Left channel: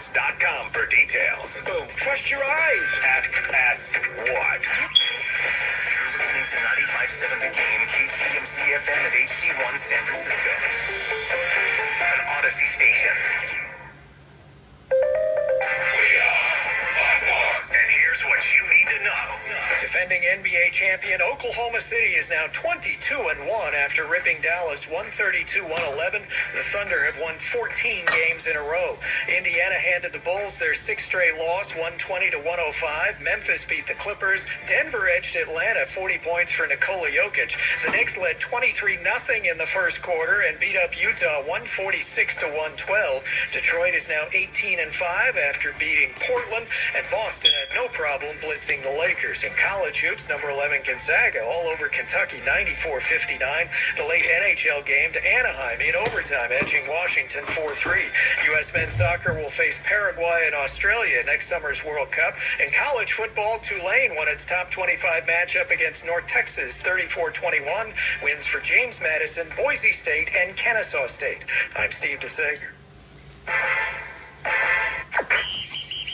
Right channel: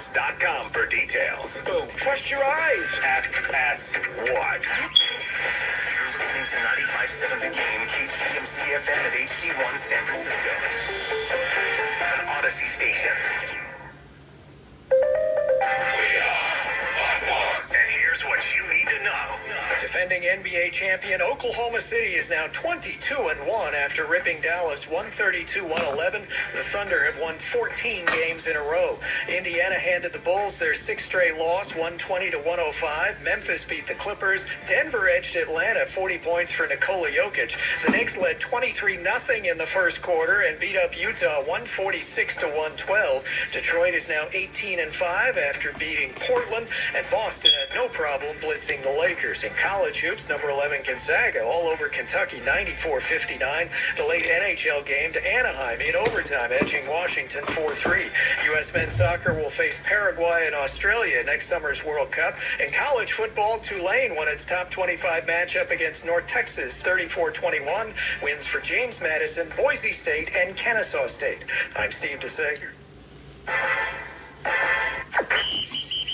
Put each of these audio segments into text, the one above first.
sports.com for details. Oh, trust your eyes. Ask what? You're listening to 95.7 The Game, KCMC FM at HD1 San Francisco. An Odyssey station. And here's what you need to know. Defending NBA champion Oklahoma City is now 22-1 after ripping Dallas 132-111. The Thunder have won 14 games in a row. Indiana handed the Bulls their sixth straight loss, 120-105. Memphis beat the Clippers. Denver edged Atlanta 40 points for Nikola Jokic. The Knicks led 23-0 in the first quarter and beat up Utah 146-112. Detroit is now 18-5 after beating Portland, and Boston had no problem blitzing the Lakers. In college hoops, number 11 Gonzaga all over Kentucky 94-59. The late NHL game to Anaheim in overtime, edging Washington 4-3. U.S. men's soccer will face Paraguay and Australia next summer's World Cup. In college football, Tulane won its top 25 matchup against North Texas 34-21. Wins for James Madison, Boise State, and Kennesaw State. I'm Steve DeSager.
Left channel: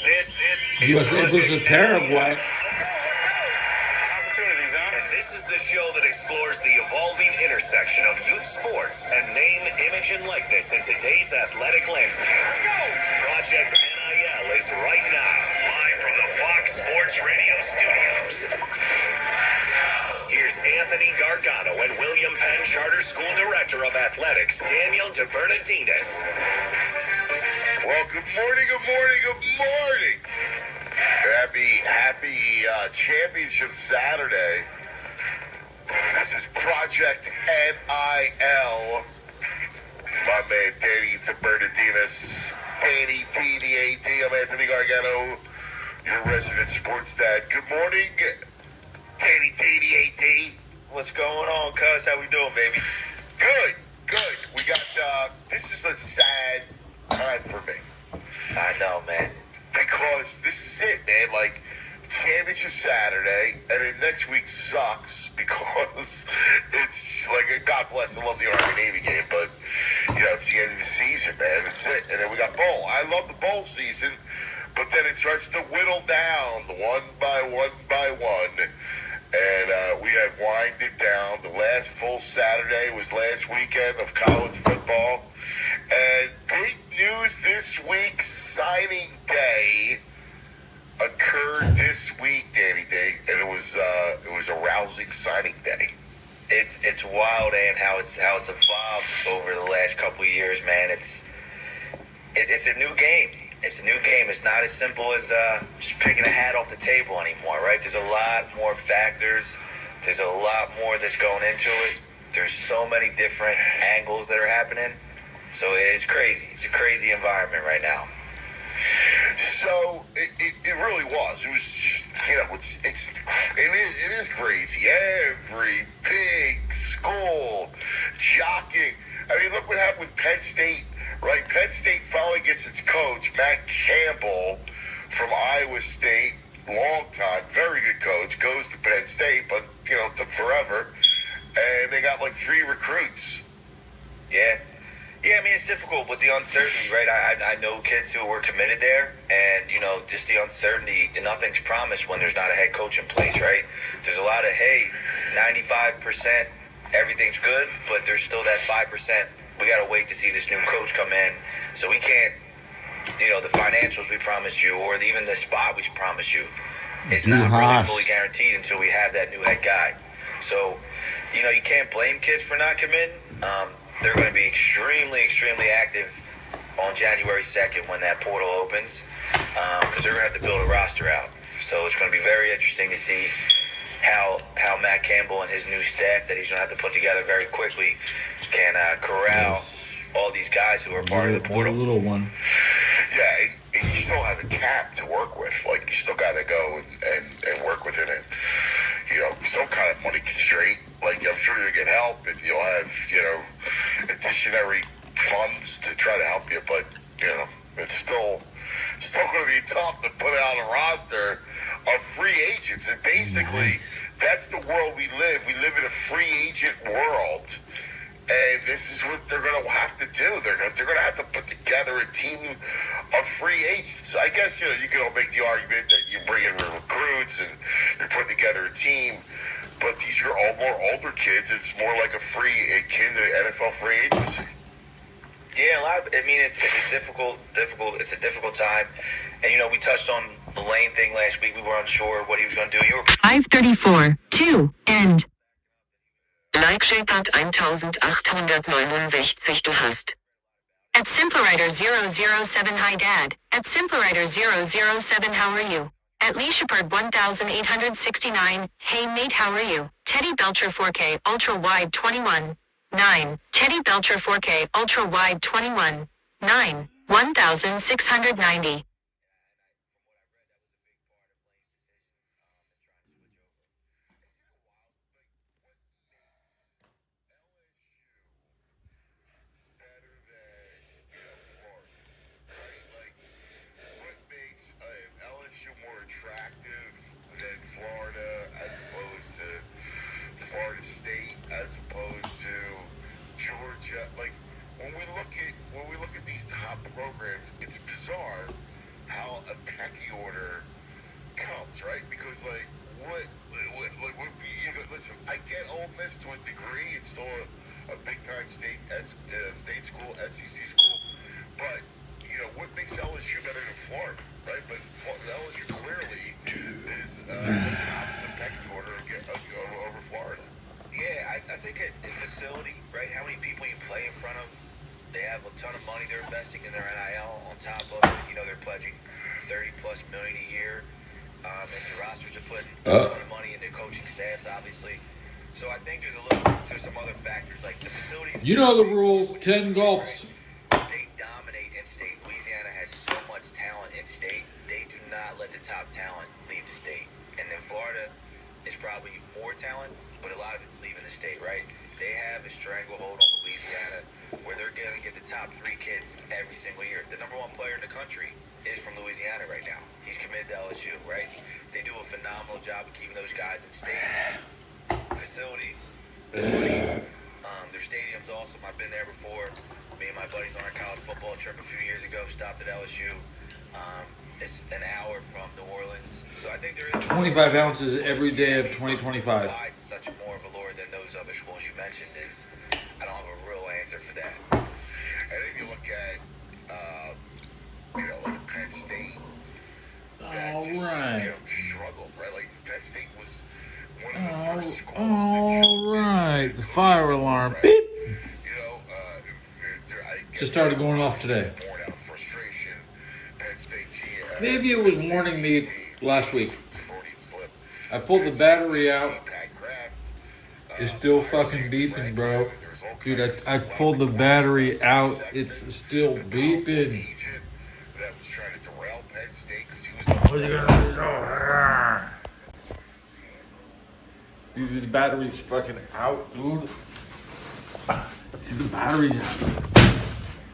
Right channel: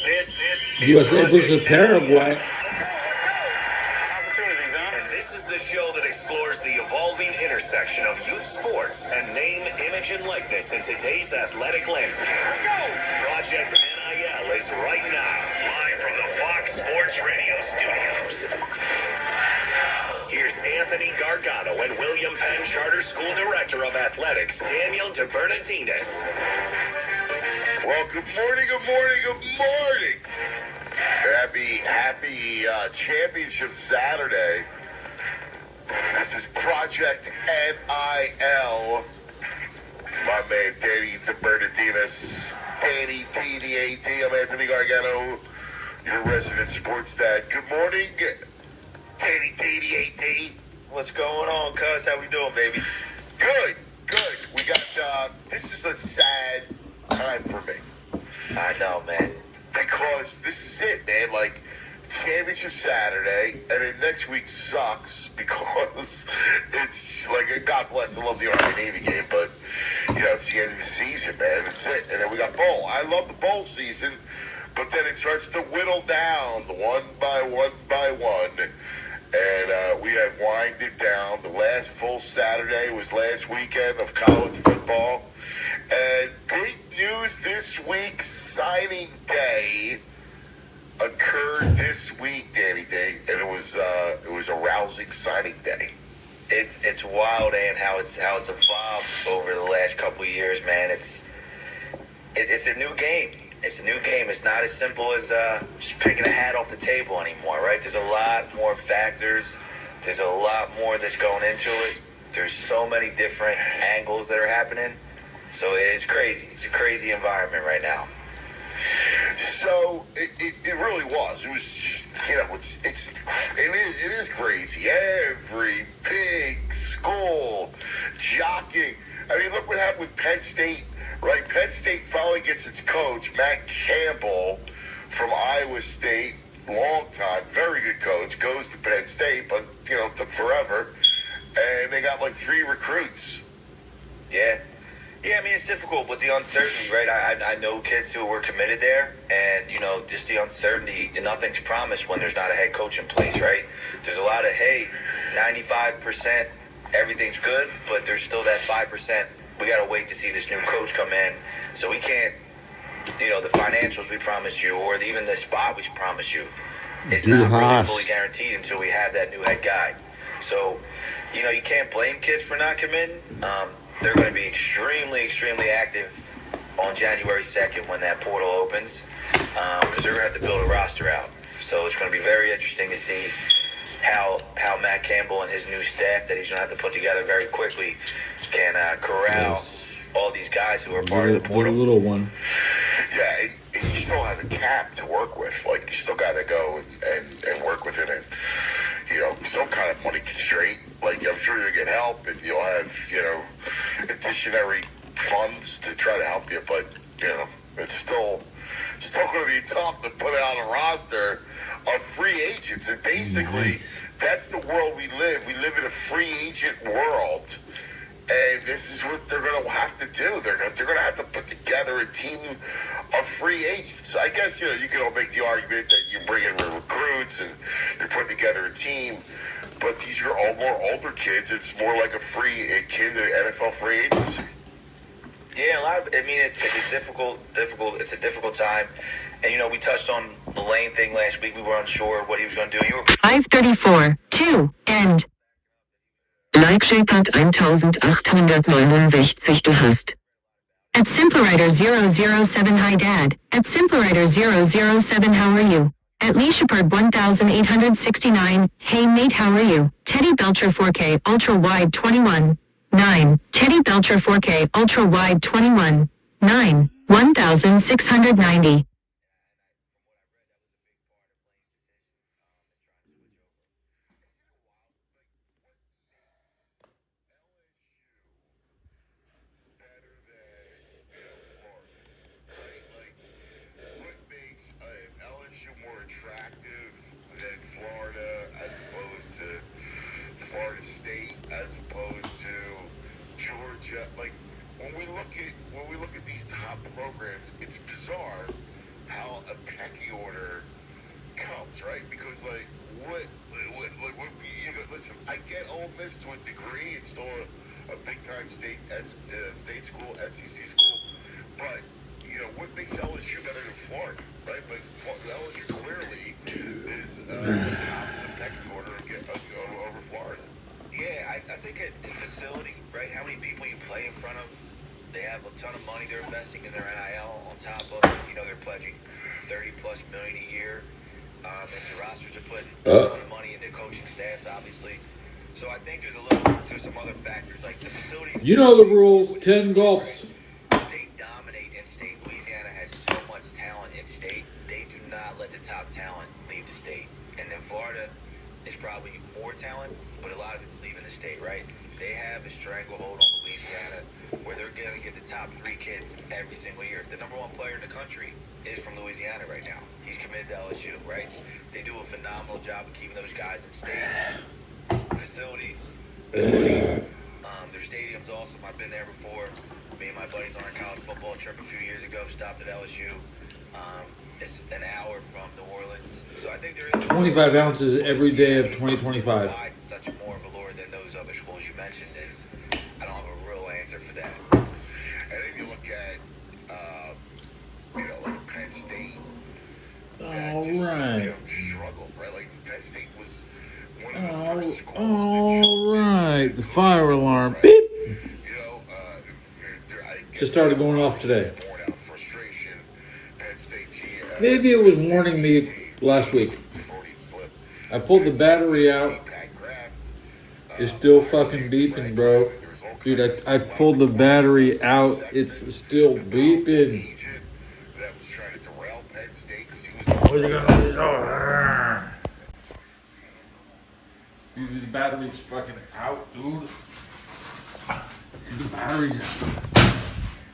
This USA versus Paraguay. Show that explores the evolving intersection of youth sports and name, image, and likeness in today's athletic landscape. Project NIL is right now, live from the Fox Sports Radio studios. Here's Anthony Gargano and William Penn Charter School Director of Athletics, Daniel DeBernardinez. Well, good morning. Happy Championship Saturday. This is Project NIL. My man, Danny DeBernardinez. Danny TDAD. I'm Anthony Gargano, your resident sports dad. Good morning, Danny TDAD. What's going on, cuz? How we doing, baby? Good. We got, this is a sad time for me. I know, man. Because this is it, man. Like, Championship Saturday, and then next week sucks because it's like, God bless, I love the Army Navy game, but it's the end of the season, man. It's it. And then we got bowl. I love the bowl season, but then it starts to whittle down one by one. And we have winded down. The last full Saturday was last weekend of college football. And big news this week, signing day occurred this week, Danny Day, and it was a rousing signing day. It's wild, and how it's evolved over the last couple of years, man. It's a new game. It's a new game. It's not as simple as just picking a hat off the table anymore, right? There's a lot more factors. There's a lot more that's going into it. There's so many different angles that are happening. So it's crazy. It's a crazy environment right now. So it really was. It was just, it is crazy. Every big school jockeying. I mean, look what happened with Penn State, right? Penn State finally gets its coach, Matt Campbell, from Iowa State. Long time, very good coach. Goes to Penn State, but it took forever. And they got like 3 recruits. Yeah. Yeah, I mean, it's difficult with the uncertainty, right? I know kids who were committed there, and, just the uncertainty, nothing's promised when there's not a head coach in place, right? There's a lot of, 95%, everything's good, but there's still that 5%. We got to wait to see this new coach come in. So we can't, the financials we promised you, or even the spot we promised you, it's not really fully guaranteed until we have that new head guy. So, you can't blame kids for not committing. They're going to be extremely, extremely active on January 2nd when that portal opens, because they're going to have to build a roster out. So it's going to be very interesting to see how Matt Campbell and his new staff that he's going to have to put together very quickly can corral all these guys who are part of the portal. Little one. Yeah, and you still have a cap to work with. Like, you still got to go and work with it. And, some kind of money constraint. Like, I'm sure you'll get help, and you'll have, additionary funds to try to help you. But, it's still going to be tough to put out a roster of free agents. And basically, that's the world we live. We live in a free agent world. And this is what they're going to have to do. They're going to have to put together a team of free agents. I guess, you can all make the argument that you bring in recruits and you're putting together a team. But these are all more older kids. It's more like akin to NFL free agency. Yeah, it's it's a difficult time. And, we touched on the Lane thing last week. We were unsure what he was going to do. 5:34, 2, end. Like-Shape hat 1869 du hast. At SimpleWriter007 Hi Dad. At SimpleWriter007 How are you? At Leishapard 1869, Hey mate how are you? Teddybelcher 4K Ultra Wide 21. 9. Teddybelcher 4K Ultra Wide 21. 9. 1690. LSU more attractive than Florida as opposed to Florida State as opposed to Georgia. Like when we look at these top programs, it's bizarre how a pecking order comes, right? Because listen, I get Ole Miss to a degree. It's still a big time state school, SEC school, but what makes LSU better than Florida, right? Like LSU clearly is the pecking order over Florida. Yeah, I think the facility, right? How many people you play in front of? They have a ton of money they're investing in their NIL on top of it. They're pledging $30+ million a year. And the rosters are putting a ton of money in their coaching staffs, obviously. So I think there's some other factors like the facilities. You know the rules, 10 gulps. They dominate in-state. Louisiana has so much talent in-state. They do not let the top talent leave the state. And then Florida is probably more talent, but a lot of it's leaving the state, right? They have a stranglehold on Louisiana where they're going to get the top 3 kids every single year. The number 1 player in the country is from Louisiana right now. He's committed to LSU, right? They do a phenomenal job of keeping those guys in state facilities. Their stadium's awesome. I've been there before. Me and my buddies on a college football trip a few years ago stopped at LSU. It's an hour from New Orleans. So I think there is 25 ounces every day of 2025. such more of a lure than those other schools you mentioned. I don't have a real answer for that. And then you look at like Penn State. All right. Struggle, right? Like Penn State was one of the first schools All right. The fire alarm. Beep. Just started going off today. Maybe it was warning me last week. I pulled the battery out. It's still fucking beeping, bro. Dude, I pulled the battery out. It's still beeping. What's it gonna do? Dude, the battery's fucking out, dude. The battery's out.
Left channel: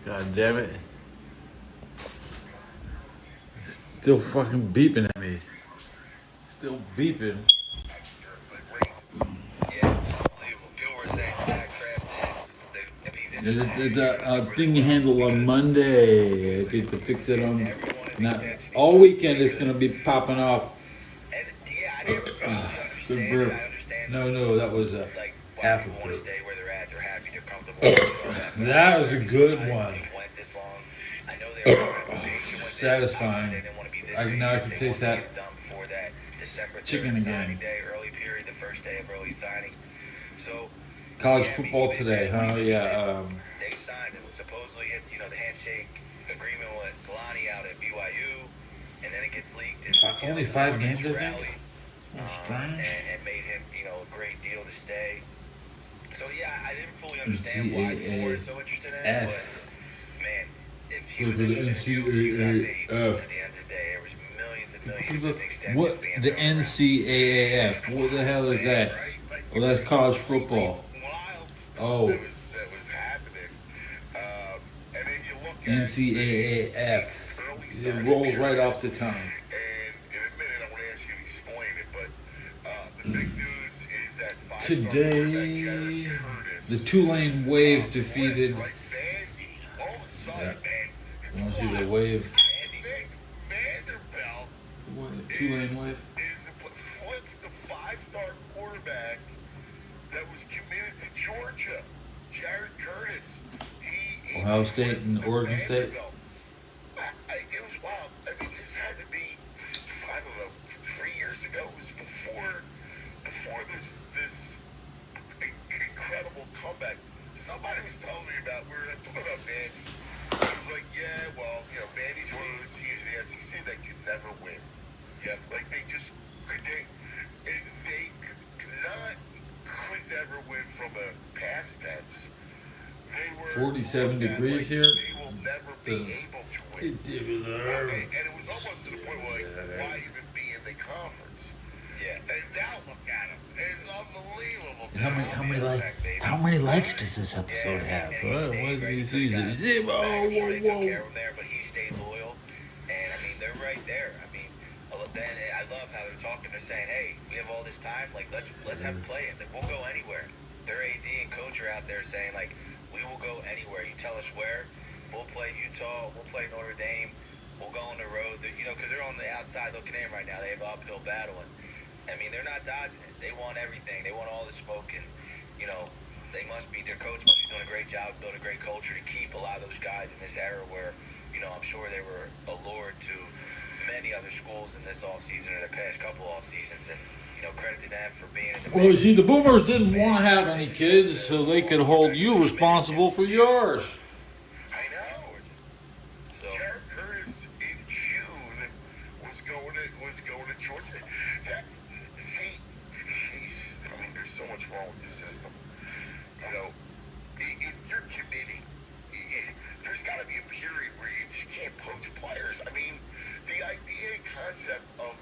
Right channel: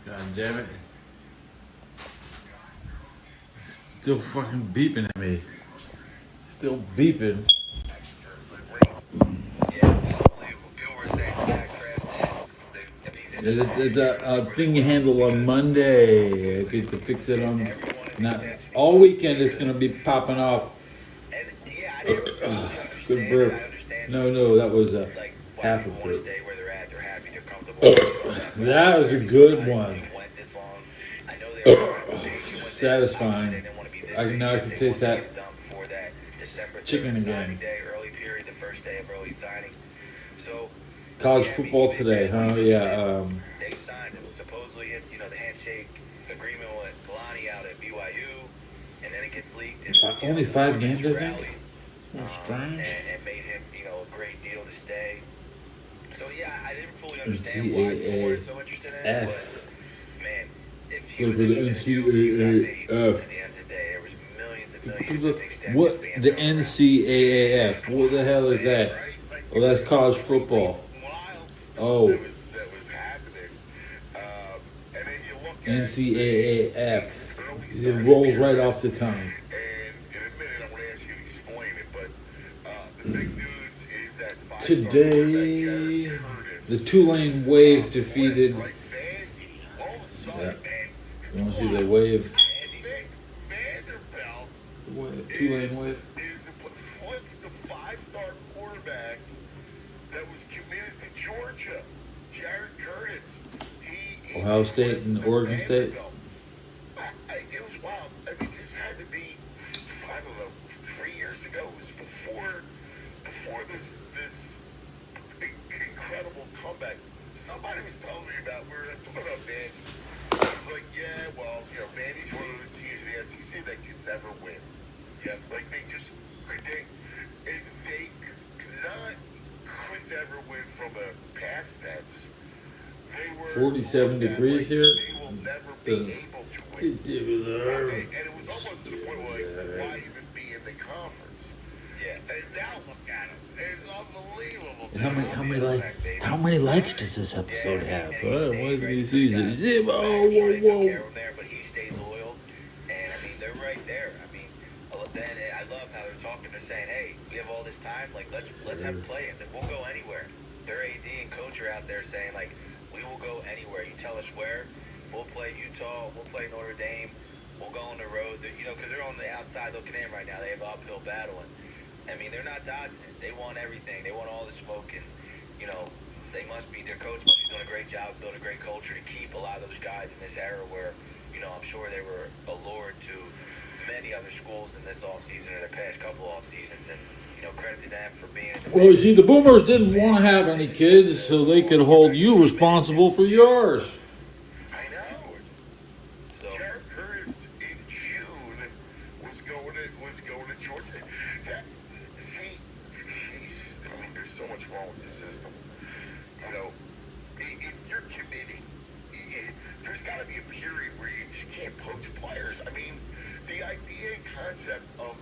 God damn it. Still fucking beeping at me. Still beeping. There's a thing you handle on Monday. I get to fix it on. Not all weekend. It's gonna be popping off. Good burp. No, that was a half a burp. That was a good one. Satisfying. Now I can taste that chicken again. College football today, huh? Yeah. They signed it. Supposedly, the handshake agreement with Kalani out at BYU, and then it gets leaked. Only 5 games, I think. And made him, a great deal to stay. So yeah, I didn't fully understand why people were so interested in it. Man, if he was interested in it, at the end of the day, there was millions and millions of extensions. What the NCAAF? What the hell is that? Oh, that's college football. Oh. NCAAF. It rolls right off the tongue. And in a minute, I'm going to ask you to explain it, but the big news is that Today, The Tulane Wave defeated. Like Vandy's, both Yeah. man. You want to see the Wave? Vanderbilt Tulane Wave. is the five-star quarterback that was committed to Georgia, Jared Curtis. Ohio State and Oregon State. It was wild. I mean, this had to be, I don't know, 3 years ago. It was before this incredible comeback. Somebody was telling me about, we were talking about Vandy. I was like, yeah, well, Vandy's one of those teams in the SEC that could never win. Yeah, like they could never win from a past tense. They were 47 degrees here. They will never be able to win. Teddybelcher. And it was almost to the point where why even be in the conference? Yeah. And now look at it. It's unbelievable. How many likes does this episode have? What is he? Zero. Whoa. But he stayed loyal, and I mean they're right there. I mean, then I love how they're talking. They're saying, "Hey, we have all this time. Like, let's have play it. Then we'll go anywhere." Their AD and coach are out there saying, "Like, we will go anywhere. You tell us where. We'll play Utah. We'll play Notre Dame. We'll go on the road." Because they're on the outside looking in right now. They have an uphill battle, and I mean they're not dodging it. They want everything. They want all the smoke, and they must be. Their coach must be doing a great job, building a great culture to keep a lot of those guys in this era where I'm sure they were allured to many other schools in this offseason or the past couple off seasons, and credit to them for being. Well, you see, the Boomers didn't want to have any kids, so they could hold you responsible for yours. I know. Jared Curtis in June was going to Georgia. I mean, there's so much wrong with the system. If you're committing, there's got to be a period where you just can't poach players. I mean, the idea and concept of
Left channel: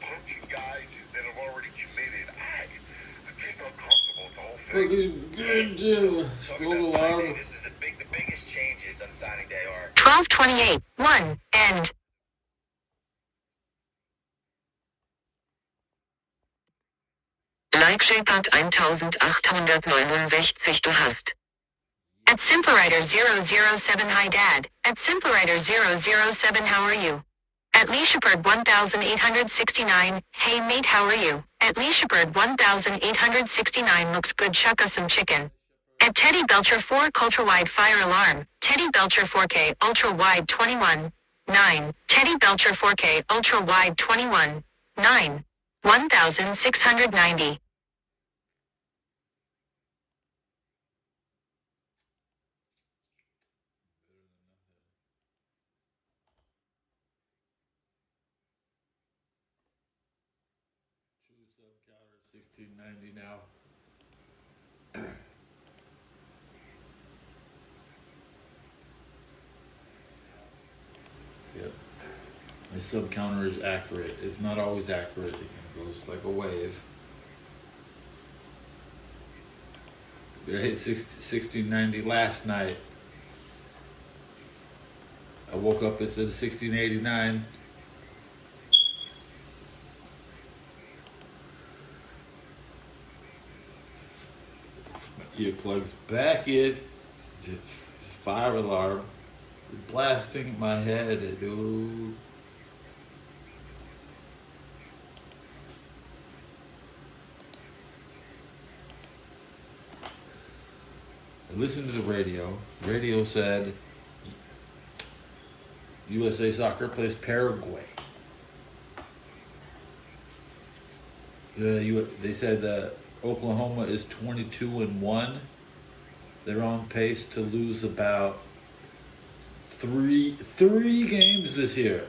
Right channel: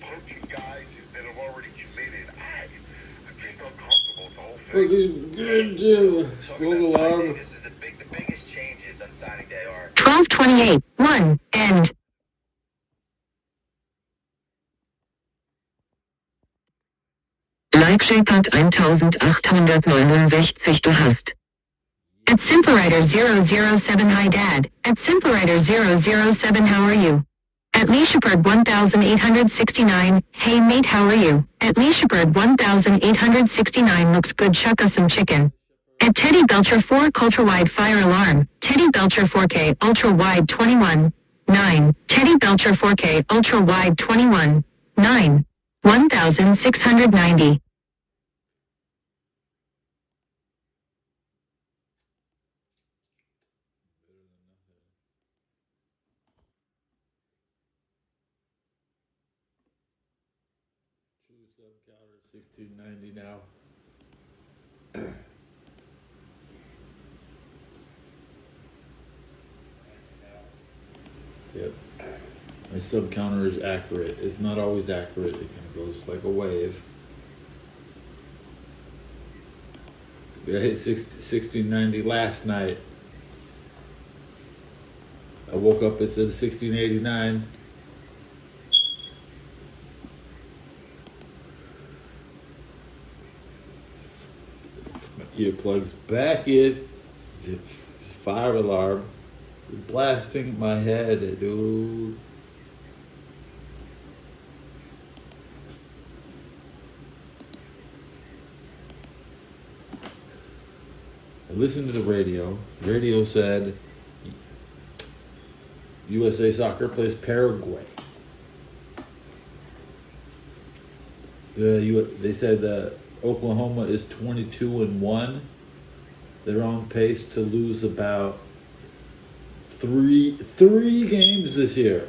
poaching guys that have already committed, I'm just uncomfortable with the whole thing. Look, he's good. Spoke aloud. This is the biggest changes on signing day are 12:28, 1, end. Like Shepard 1869 du hast. At Simplewriter007 Hi Dad. At Simplewriter007 How are you? At Leashepard 1869, hey mate how are you? At Leashepard 1869 looks good chuck us some chicken. At Teddybelcher 4 Ultra Wide Fire Alarm, Teddybelcher 4K Ultra Wide 21, 9, Teddybelcher 4K Ultra Wide 21, 9, 1690. Sub counter 1690 now. Yep. My sub counter is accurate. It's not always accurate. It kind of goes like a wave. I hit 1690 last night. I woke up, it said 1689. Earplugs back in. Fire alarm. Blasting my head, dude. I listened to the radio. The radio said USA Soccer plays Paraguay. They said Oklahoma is 22-1. They're on pace to lose about three games this year.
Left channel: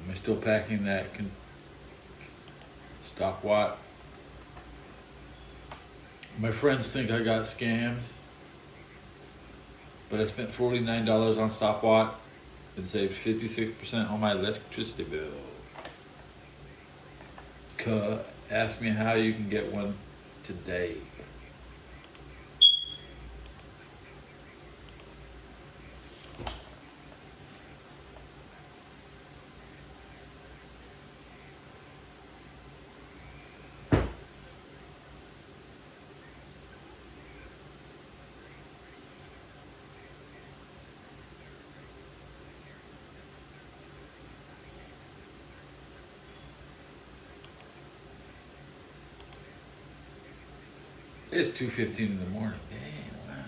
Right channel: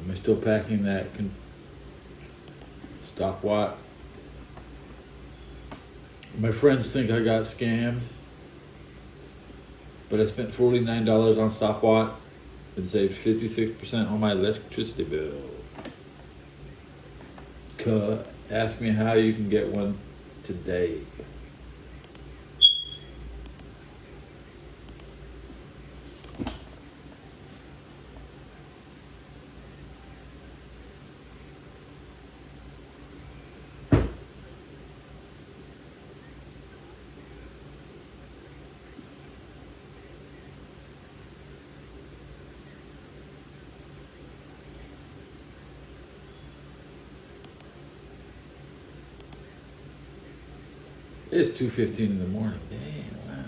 Am I still packing that stopwatch? My friends think I got scammed, but I spent $49 on stopwatch and saved 56% on my electricity bill. Ask me how you can get one today. It's 2:15 in the morning. Dang, wow.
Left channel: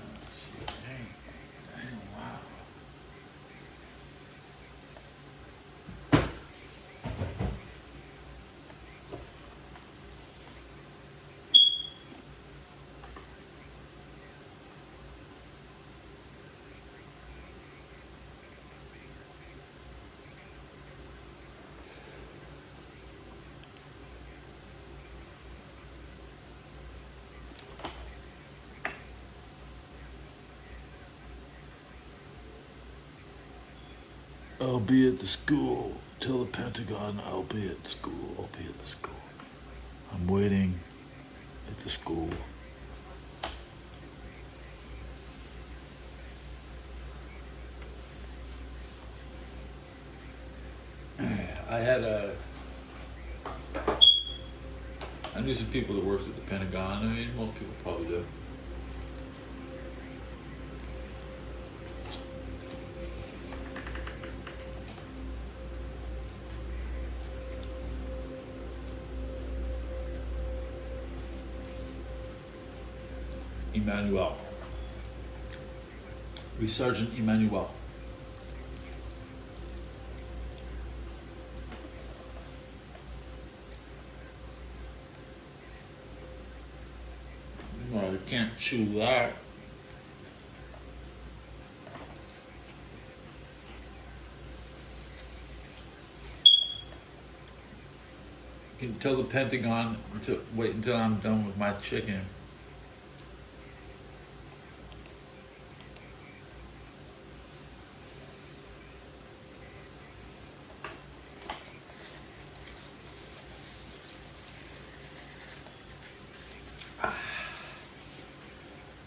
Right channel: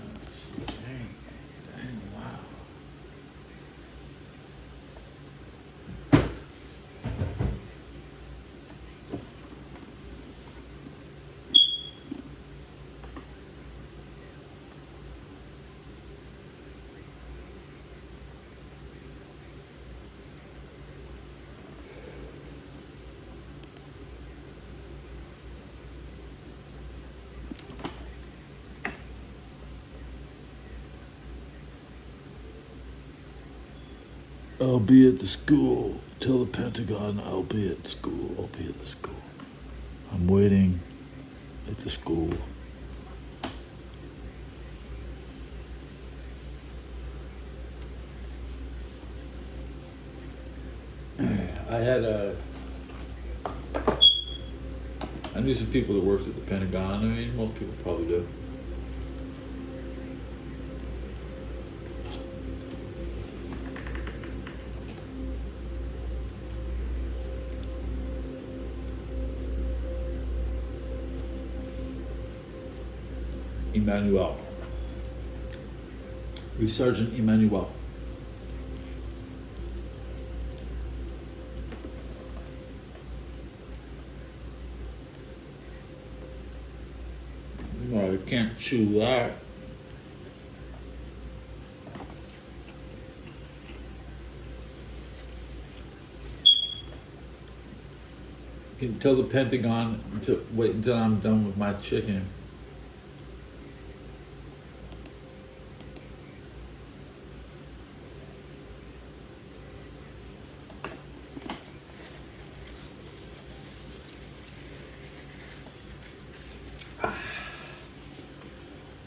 Dang, wow. I'll be at the school. Tell the Pentagon I'll be at school. I'll be at the school. I'm waiting at the school. I knew some people that worked at the Pentagon. I mean, most people probably do. Emmanuel. Sergeant Emmanuel. Well, you can't chew that. You can tell the Pentagon to wait until I'm done with my chicken.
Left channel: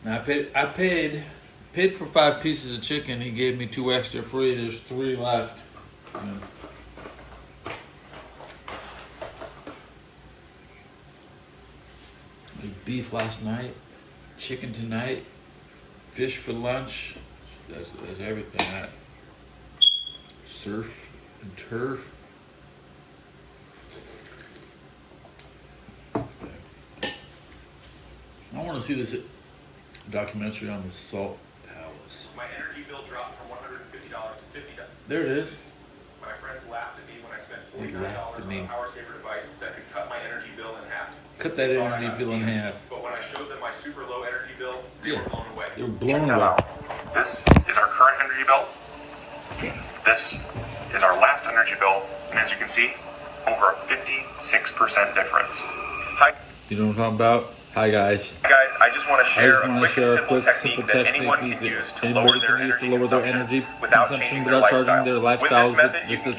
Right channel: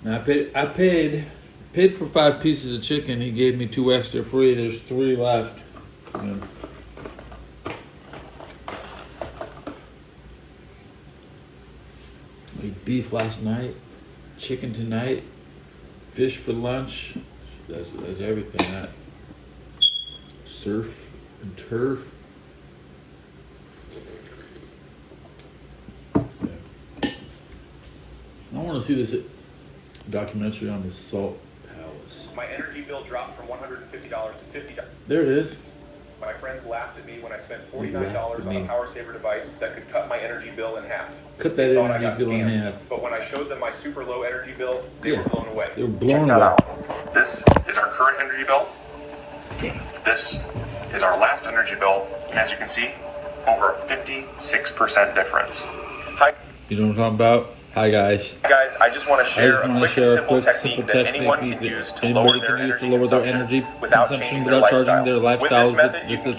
Now I paid for 5 pieces of chicken. He gave me 2 extra free. There's 3 left. And I ate beef last night, chicken tonight, fish for lunch. That's everything. That surf and turf. I want to see this documentary on the Salt Palace. My energy bill dropped from $150 to $50. There it is. My friends laughed at me when I spent $49 on a power saver device that could cut my energy bill in half. Cut that energy bill in half. But when I showed them my super low energy bill, they were blown away. They were blown away. This is our current energy bill. This is our last energy bill. And as you can see, over a 56% difference. Hi. You know what I'm talking about? Hi guys. Hi guys, I just want to share a quick and simple technique that anyone can use to lower their energy consumption without changing their lifestyle. With this method, you can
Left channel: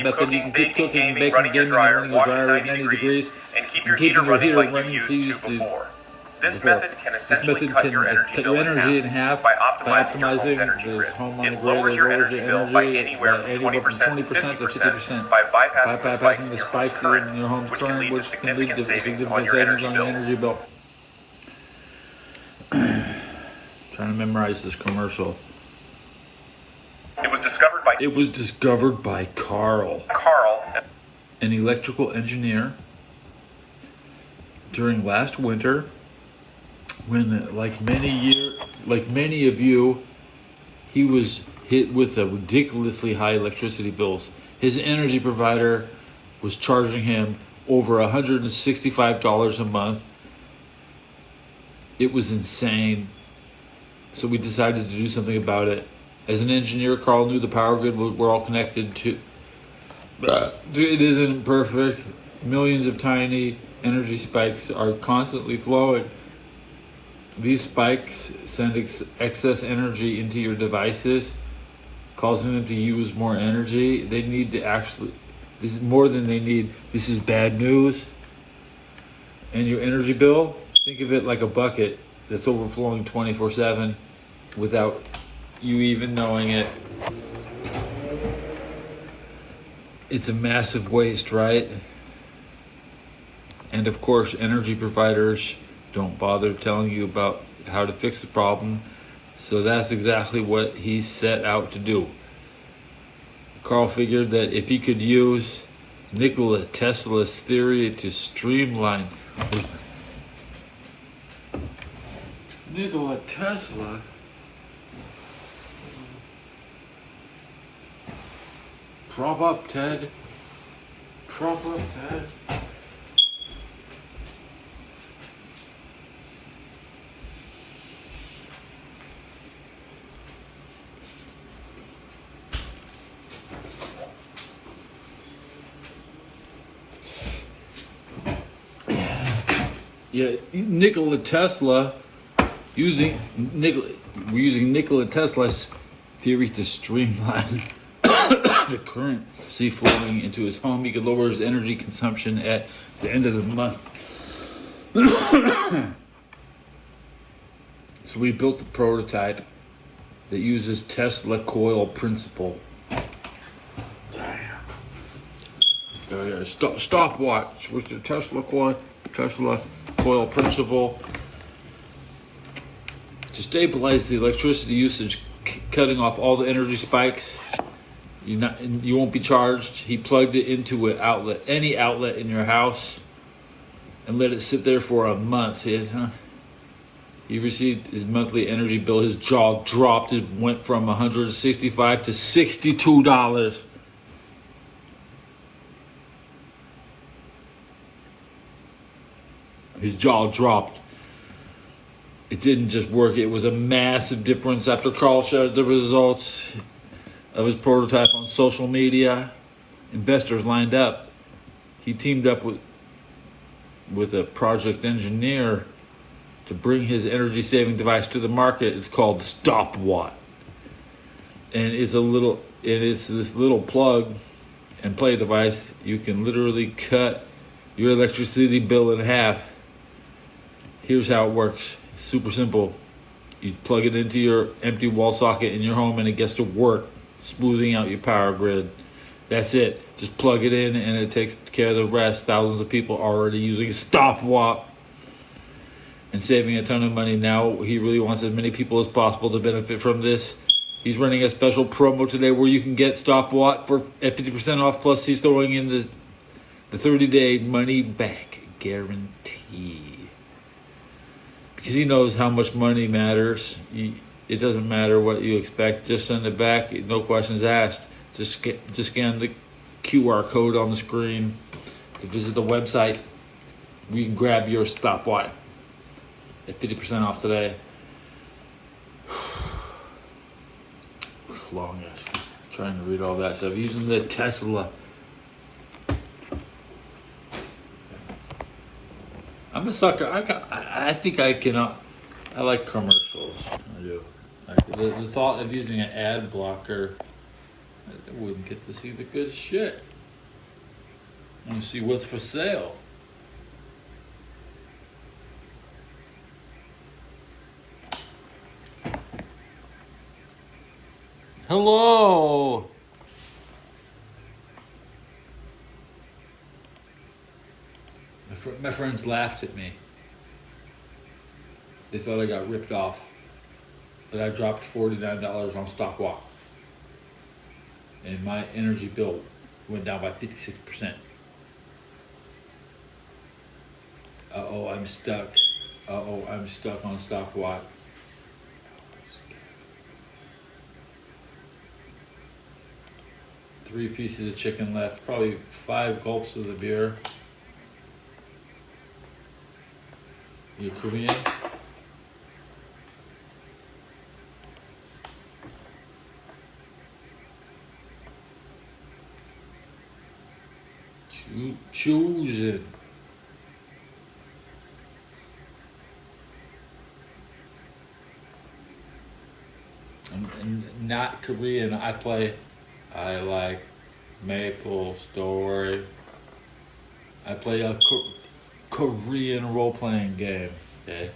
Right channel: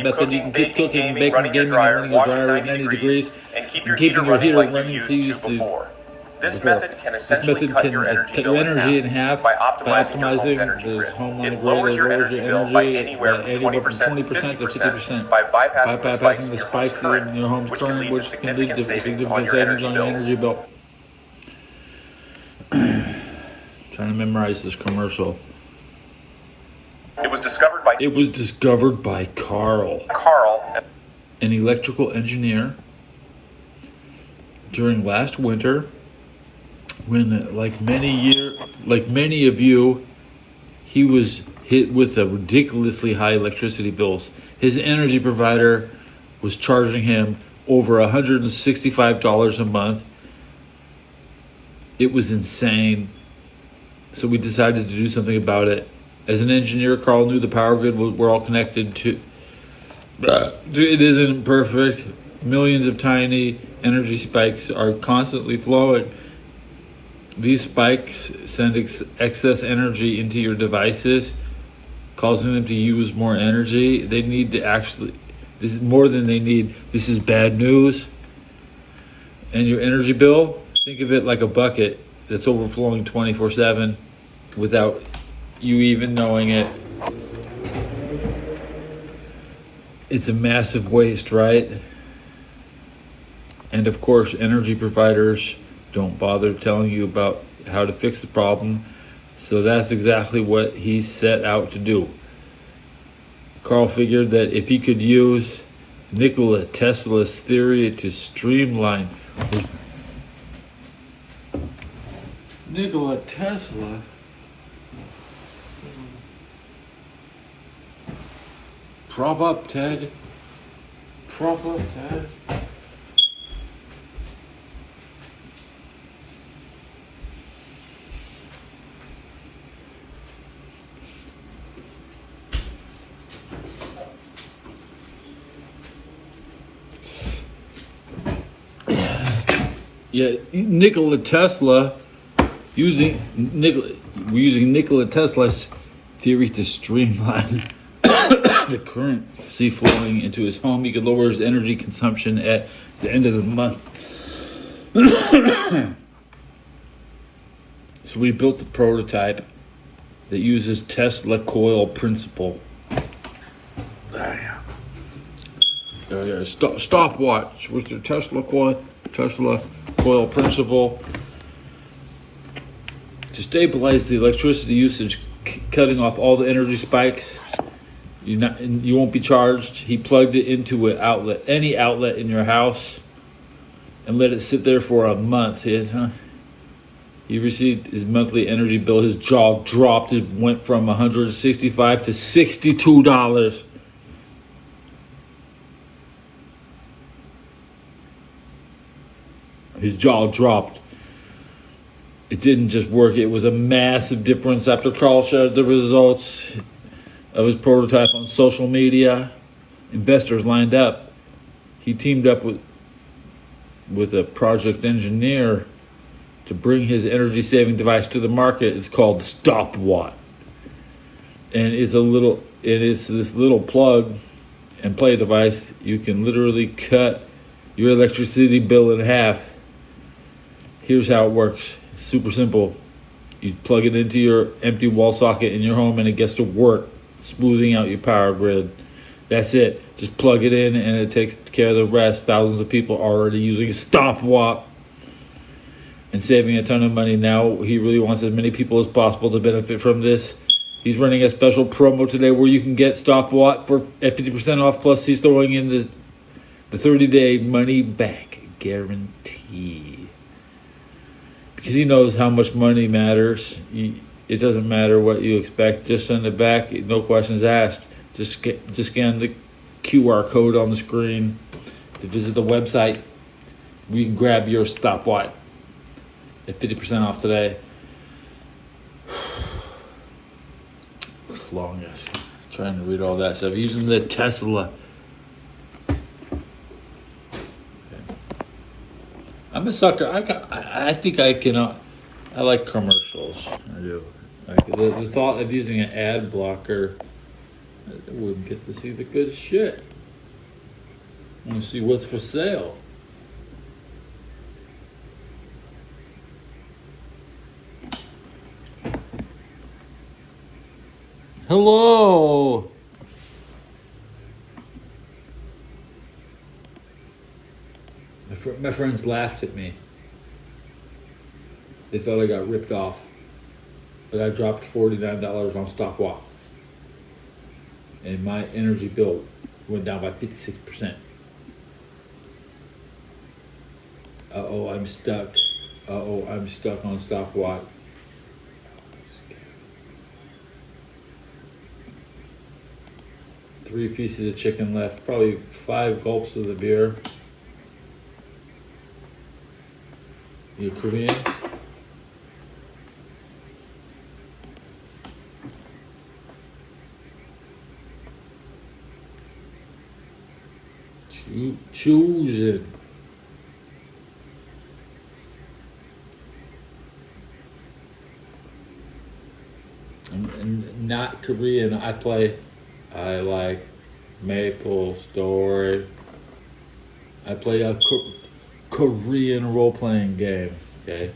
keep cooking, baking, running your dryer, washing 90 degrees, and keep your heater running like you used to before. This method can essentially cut your energy in half by optimizing your home energy grid. It lowers your energy bill by anywhere from 20% to 50% by bypassing the spikes in your home's current, which can lead to significant savings on your energy bill. Trying to memorize this commercial. It was discovered by Carl, an electrical engineer, during last winter, when like many of you, he was hit with a ridiculously high electricity bills. His energy provider was charging him over $165 a month. It was insane. So we decided to do something about it. As an engineer, Carl knew the power grid we're all connected to. It isn't perfect. Millions of tiny energy spikes are constantly flowing. These spikes send excess energy into your devices, causing them to use more energy. They need to this is more than they need. This is bad news. And your energy bill, think of it like a bucket that's overflowing 24/7 without you even knowing it. It's a massive waste, right? And of course, energy providers don't bother telling you about how to fix the problem. So that's exactly what he set out to do. Carl figured that if he could use Nikola Tesla's theory to streamline. Nikola Tesla? Prop up, Ted. Prop up, Ted. Yeah, Nikola Tesla, we're using Nikola Tesla's theory to streamline the current flowing into his home. He could lower his energy consumption at the end of the month. So we built the prototype that uses Tesla coil principle. Stopwatch with the Tesla coil principle to stabilize the electricity usage, cutting off all the energy spikes. You won't be charged. He plugged it into an outlet, any outlet in your house, and let it sit there for a month. He received his monthly energy bill. His jaw dropped. It went from $165 to $62. His jaw dropped. It didn't just work. It was a massive difference. After Carl shared the results of his prototype on social media, investors lined up. He teamed up with a project engineer to bring his energy-saving device to the market. It's called the Stopwatt, and it's this little plug and play device. You can literally cut your electricity bill in half. Here's how it works. It's super simple. You plug it into your empty wall socket in your home and it gets to work, smoothing out your power grid. That's it. Just plug it in and it takes care of the rest. Thousands of people are already using Stopwatt and saving a ton of money. Now he really wants as many people as possible to benefit from this. He's running a special promo today where you can get Stopwatt at 50% off. Plus he's throwing in the 30-day money back guarantee. Because he knows how much money matters. It doesn't matter what you expect. Just send it back. No questions asked. Just scan the QR code on the screen to visit the website. You can grab your Stopwatt at 50% off today. Long ass. Trying to read all that stuff. Using the Tesla. I'm a sucker. I think I cannot. I like commercials. I do. Like the thought of using an ad blocker, I wouldn't get to see the good shit. I want to see what's for sale. Hello. My friends laughed at me. They thought I got ripped off. But I dropped $49 on Stopwatt. And my energy bill went down by 56%. Uh-oh, I'm stuck. Uh-oh, I'm stuck on Stopwatt. 3 pieces of chicken left. Probably 5 gulps of the beer. You Korean? Choose it. I'm not Korean. I like Maple Story. I play Korean role-playing game. Okay.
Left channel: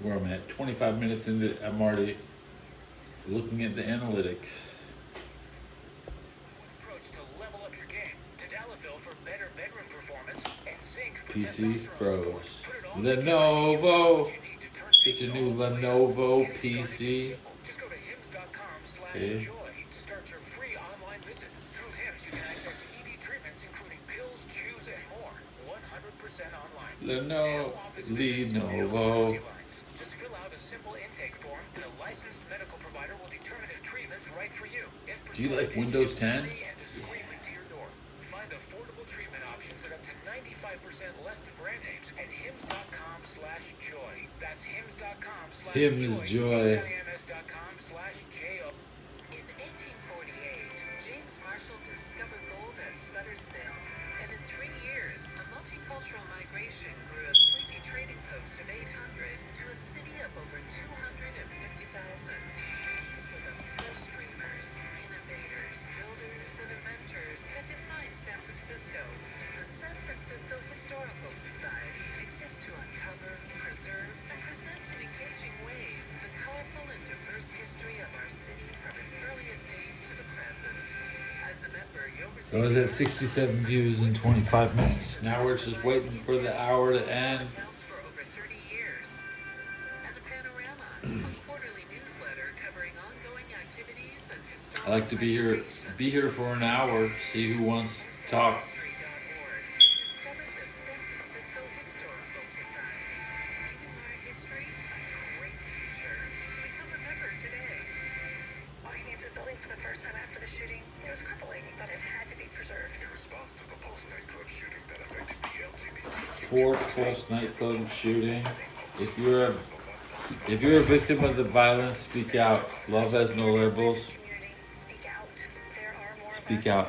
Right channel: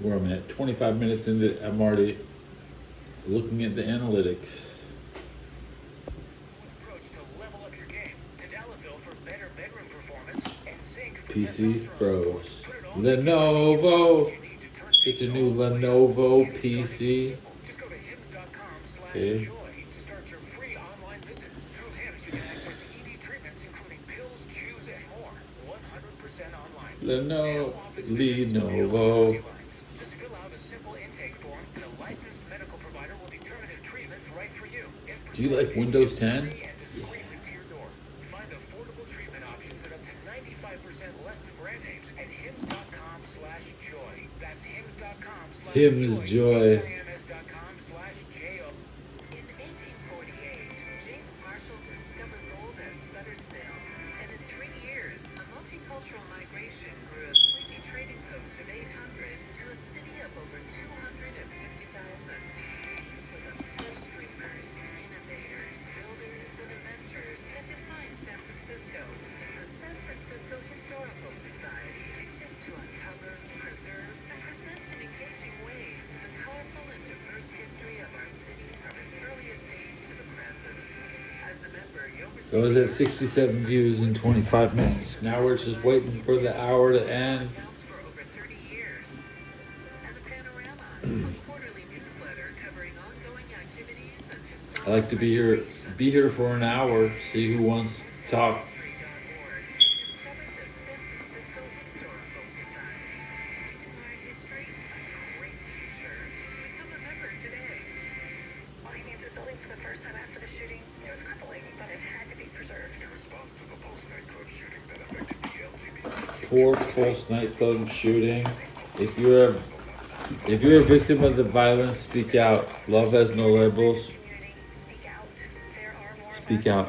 Where I'm at, 25 minutes into, I'm already looking at the analytics. PC froze. Lenovo. Get your new Lenovo PC. Okay. Lenovo. Do you like Windows 10? Hymns Joy. So I was at 67 views in 25 minutes. Now we're just waiting for the hour to end. I like to be here for an hour, see who wants to talk. Poor Pulse nightclub shooting. If you're a victim of the violence, speak out. Love has no labels. Speak out.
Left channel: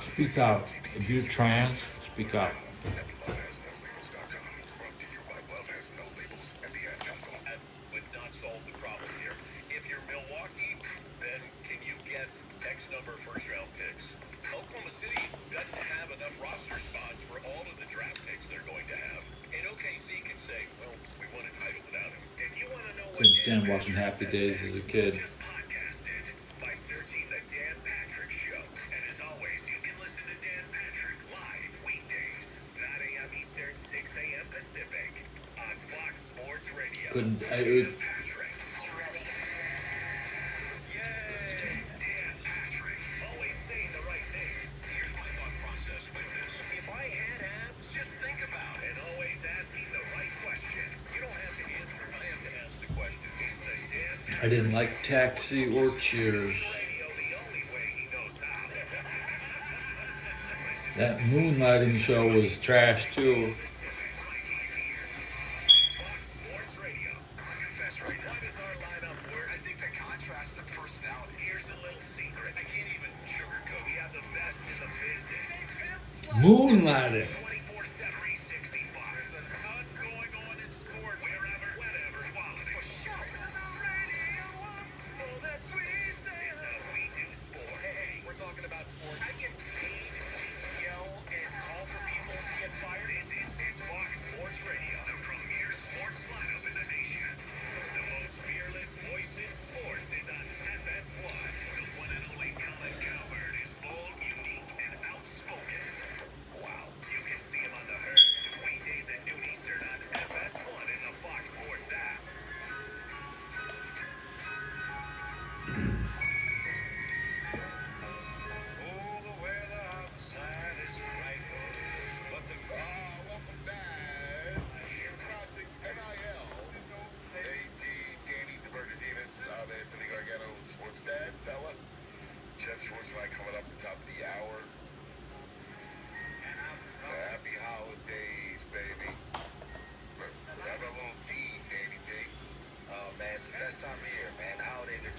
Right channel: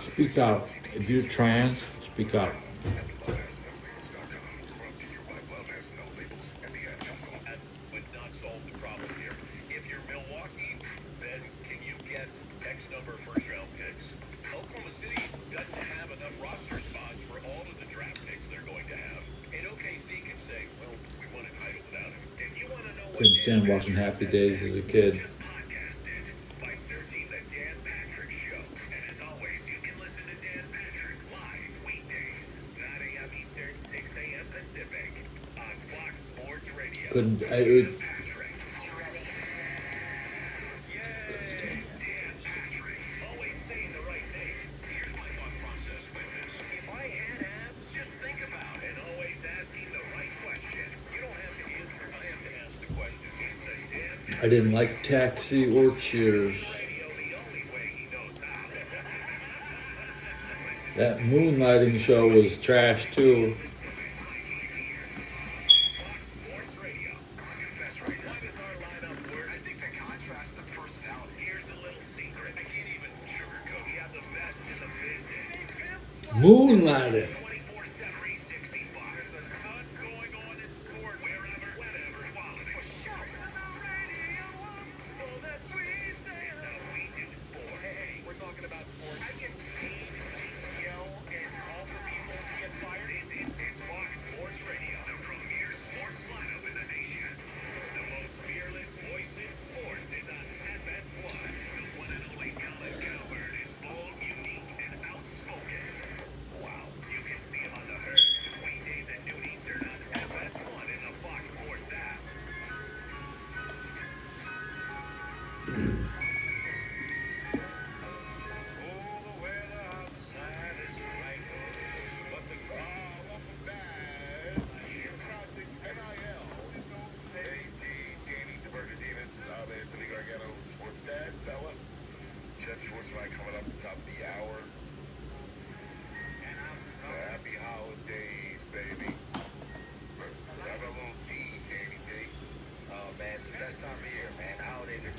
Speak out. If you're trans, speak out. Couldn't stand watching Happy Days as a kid. Couldn't I would I didn't like Taxi or Cheers. That moonlighting show was trash too. Moonlighting.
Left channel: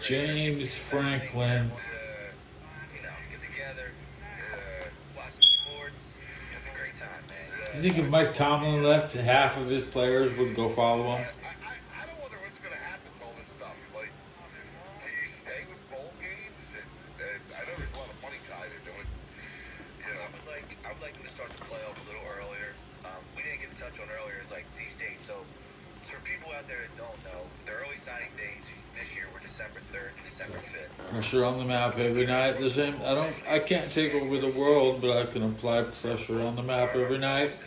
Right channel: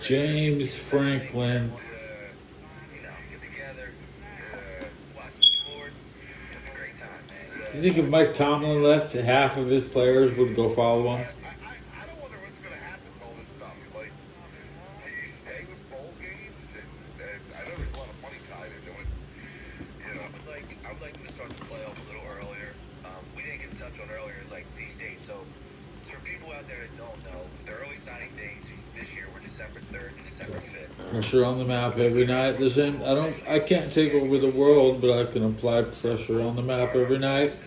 James Franklin. You think if Mike Tomlin left, half of his players would go follow him? I don't wonder what's going to happen to all this stuff. Like, do you stay with bowl games? And I know there's a lot of money tied into it. You know, I'd like to start the playoff a little earlier. We didn't get in touch on earlier. It's like these dates. So for people out there that don't know, the early signing dates this year were December 3rd and December 5th. Pressure on the map every night. The same. I can't take over the world, but I can apply pressure on the map every night.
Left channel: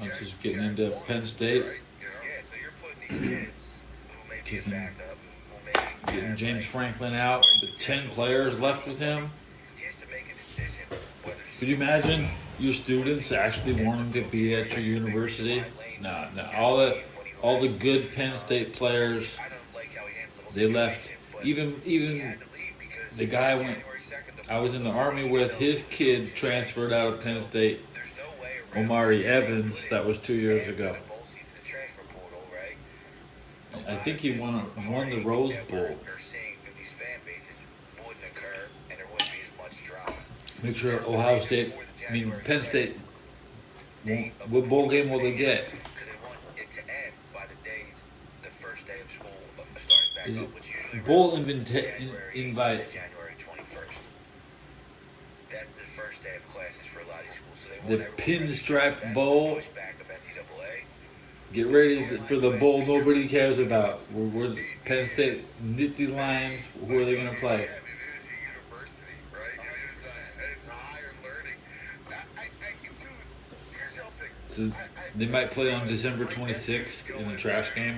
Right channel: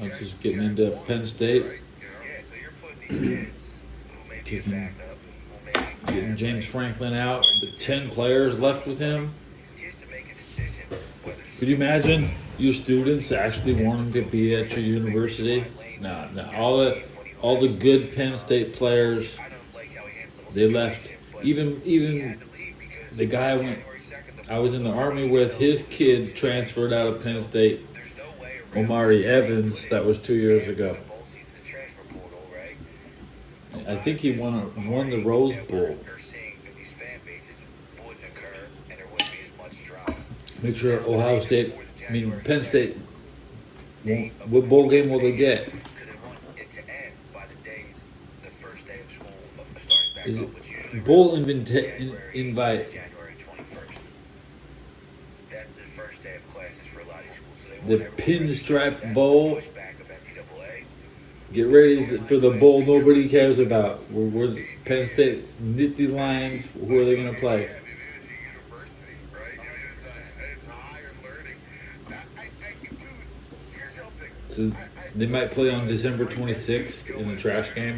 I'm just getting into Penn State. Getting James Franklin out, but 10 players left with him. Could you imagine your students actually wanting to be at your university? No. All the good Penn State players, they left. Even the guy I was in the Army with, his kid transferred out of Penn State. Omari Evans, that was 2 years ago. I think he won the Rose Bowl. Make sure Penn State, what bowl game will they get? Is it bowl invite? The Pinstripe Bowl. Get ready for the bowl nobody cares about. We're Penn State Nittany Lions. Who are they going to play? So they might play on December 26th in a trash game.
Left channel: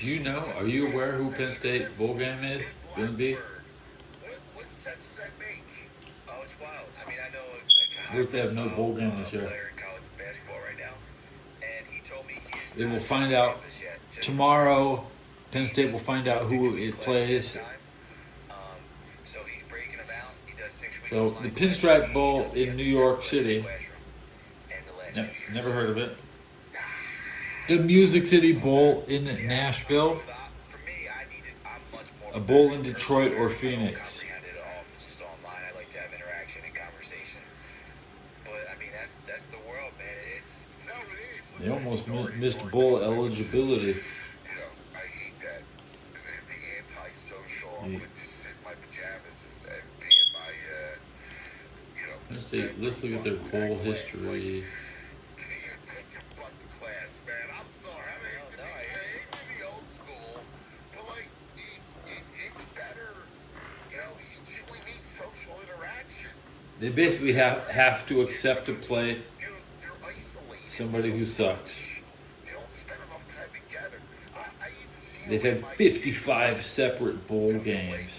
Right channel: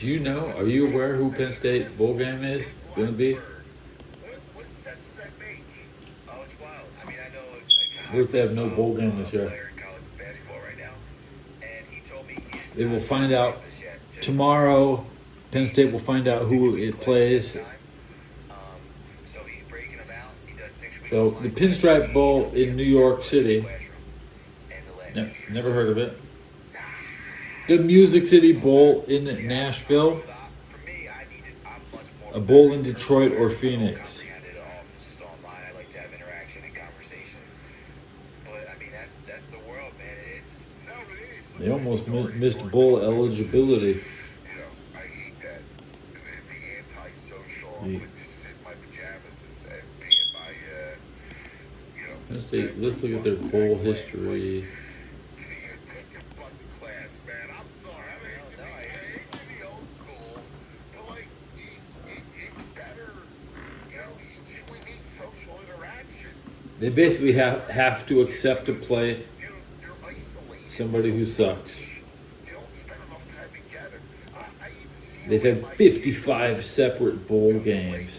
Do you know? Are you aware who Penn State bowl game is going to be? What if they have no bowl game this year? They will find out tomorrow. Penn State will find out who it plays. So the Pinstripe Bowl in New York City. Never heard of it. The Music City Bowl in Nashville. A bowl in Detroit or Phoenix. They almost missed bowl eligibility. I hate that. The antisocial, just sit in my pajamas and be in my, Let's look at their bowl history. They basically have to accept to play somebody who sucks. They've had 55 separate bowl games.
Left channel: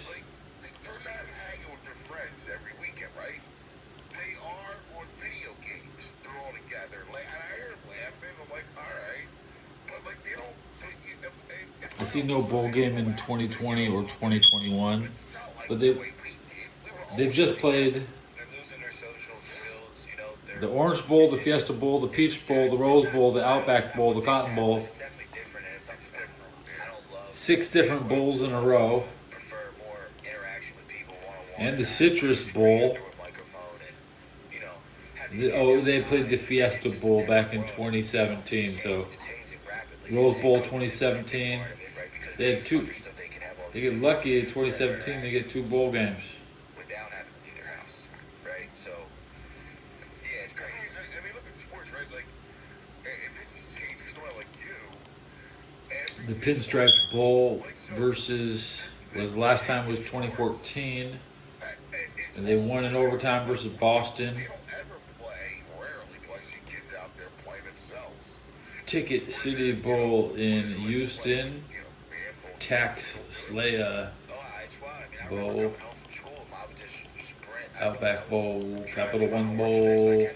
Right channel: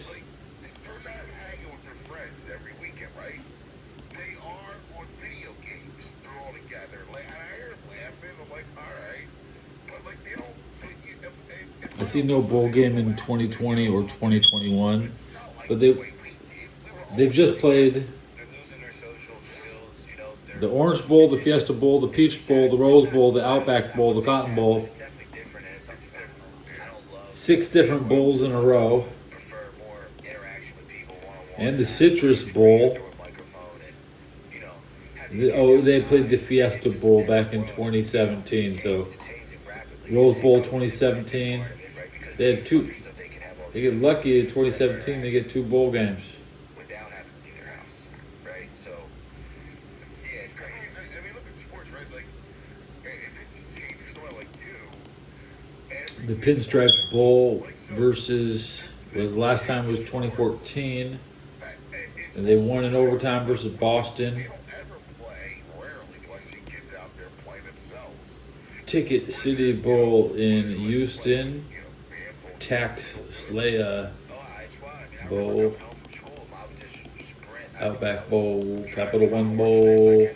I see no bowl game in 2020 or 2021, but they've just played the Orange Bowl, the Fiesta Bowl, the Peach Bowl, the Rose Bowl, the Outback Bowl, the Cotton Bowl. 6 different bowls in a row. And the Citrus Bowl. They played the Fiesta Bowl back in 2017. So Rose Bowl 2017. They had 2. They get lucky in 2017. They get 2 bowl games. The Pinstripe Bowl last time was 2014, and they won in overtime versus Boston. Ticket City Bowl in Houston, Tax Slaya Bowl, Outback Bowl, Capital One Bowl,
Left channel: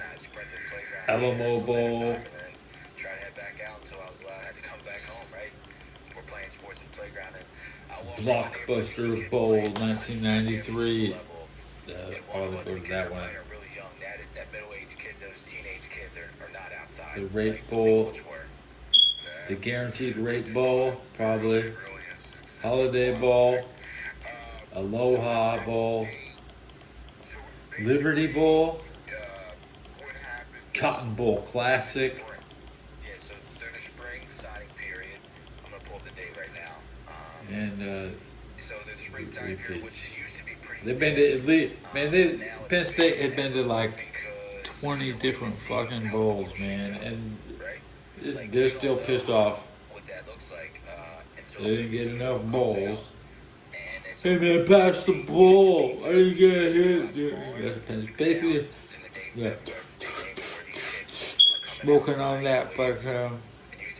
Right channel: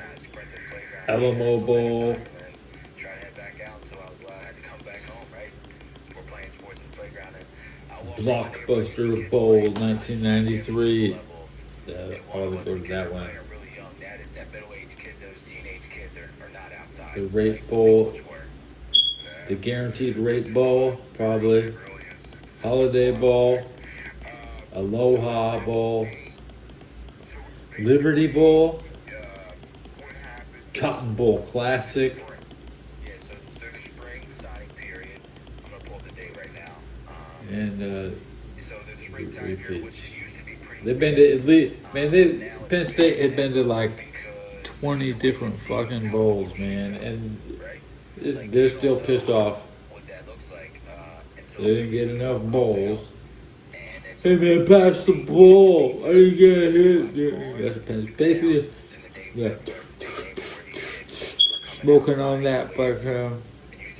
Alamo Bowl. Blockbuster Bowl 1993. All they go to that one. The rate bowl. The guaranteed rate bowl, probably. Holiday Bowl. Aloha Bowl. Liberty Bowl. Cotton Bowl Classic. Yeah, so through the spring signing period, I'm gonna pull up the date right now. And So the spring signing period, which used to be pretty. they've been to at least, man, Penn State had been to like 20 different fucking bowls, man. And they're still pissed off. What that looks like. They didn't get enough bowls. Hey man, pass the bowl. I didn't get hit. Basically, yeah. Smoking on that fucking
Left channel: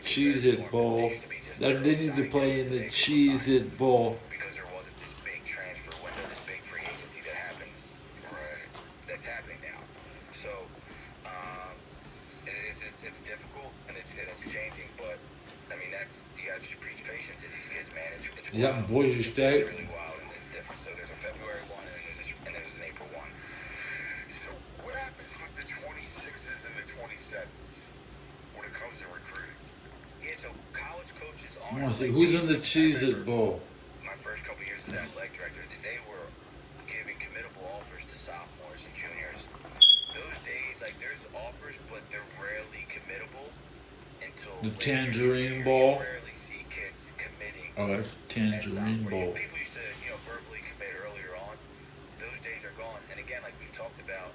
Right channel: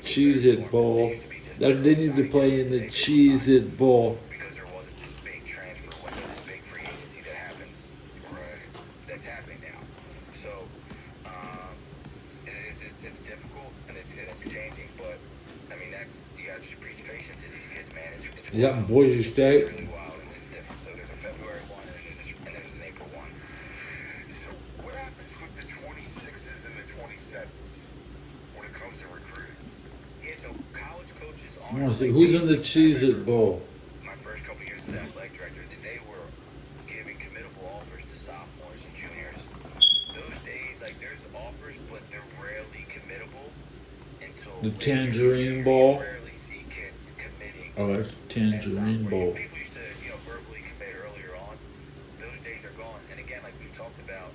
Cheez-It bowl. They need to play in the Cheez-It bowl. Because there wasn't this big transfer window, this big free agency that happens, that's happening now. So, it's difficult and it's changing, but I mean, you guys should preach patience to these kids, man. It's Yeah, Boise State. really wild and it's different. So there's a February 1 and there's an April 1. So what happens with the 26s and the 27s when it comes to recruiting? Yeah, so college coaches I want to see who's in the Cheez-It bowl. my first couple years as athletic director, they were giving committable offers to sophomores and juniors. Those days, like there's offers, but they're rarely committable until The Tangerine Bowl. rarely see kids committing. Oh, that's Tangerine Bowl. People used to, verbally commit earlier on. Those days are gone. And again, like we've talked about,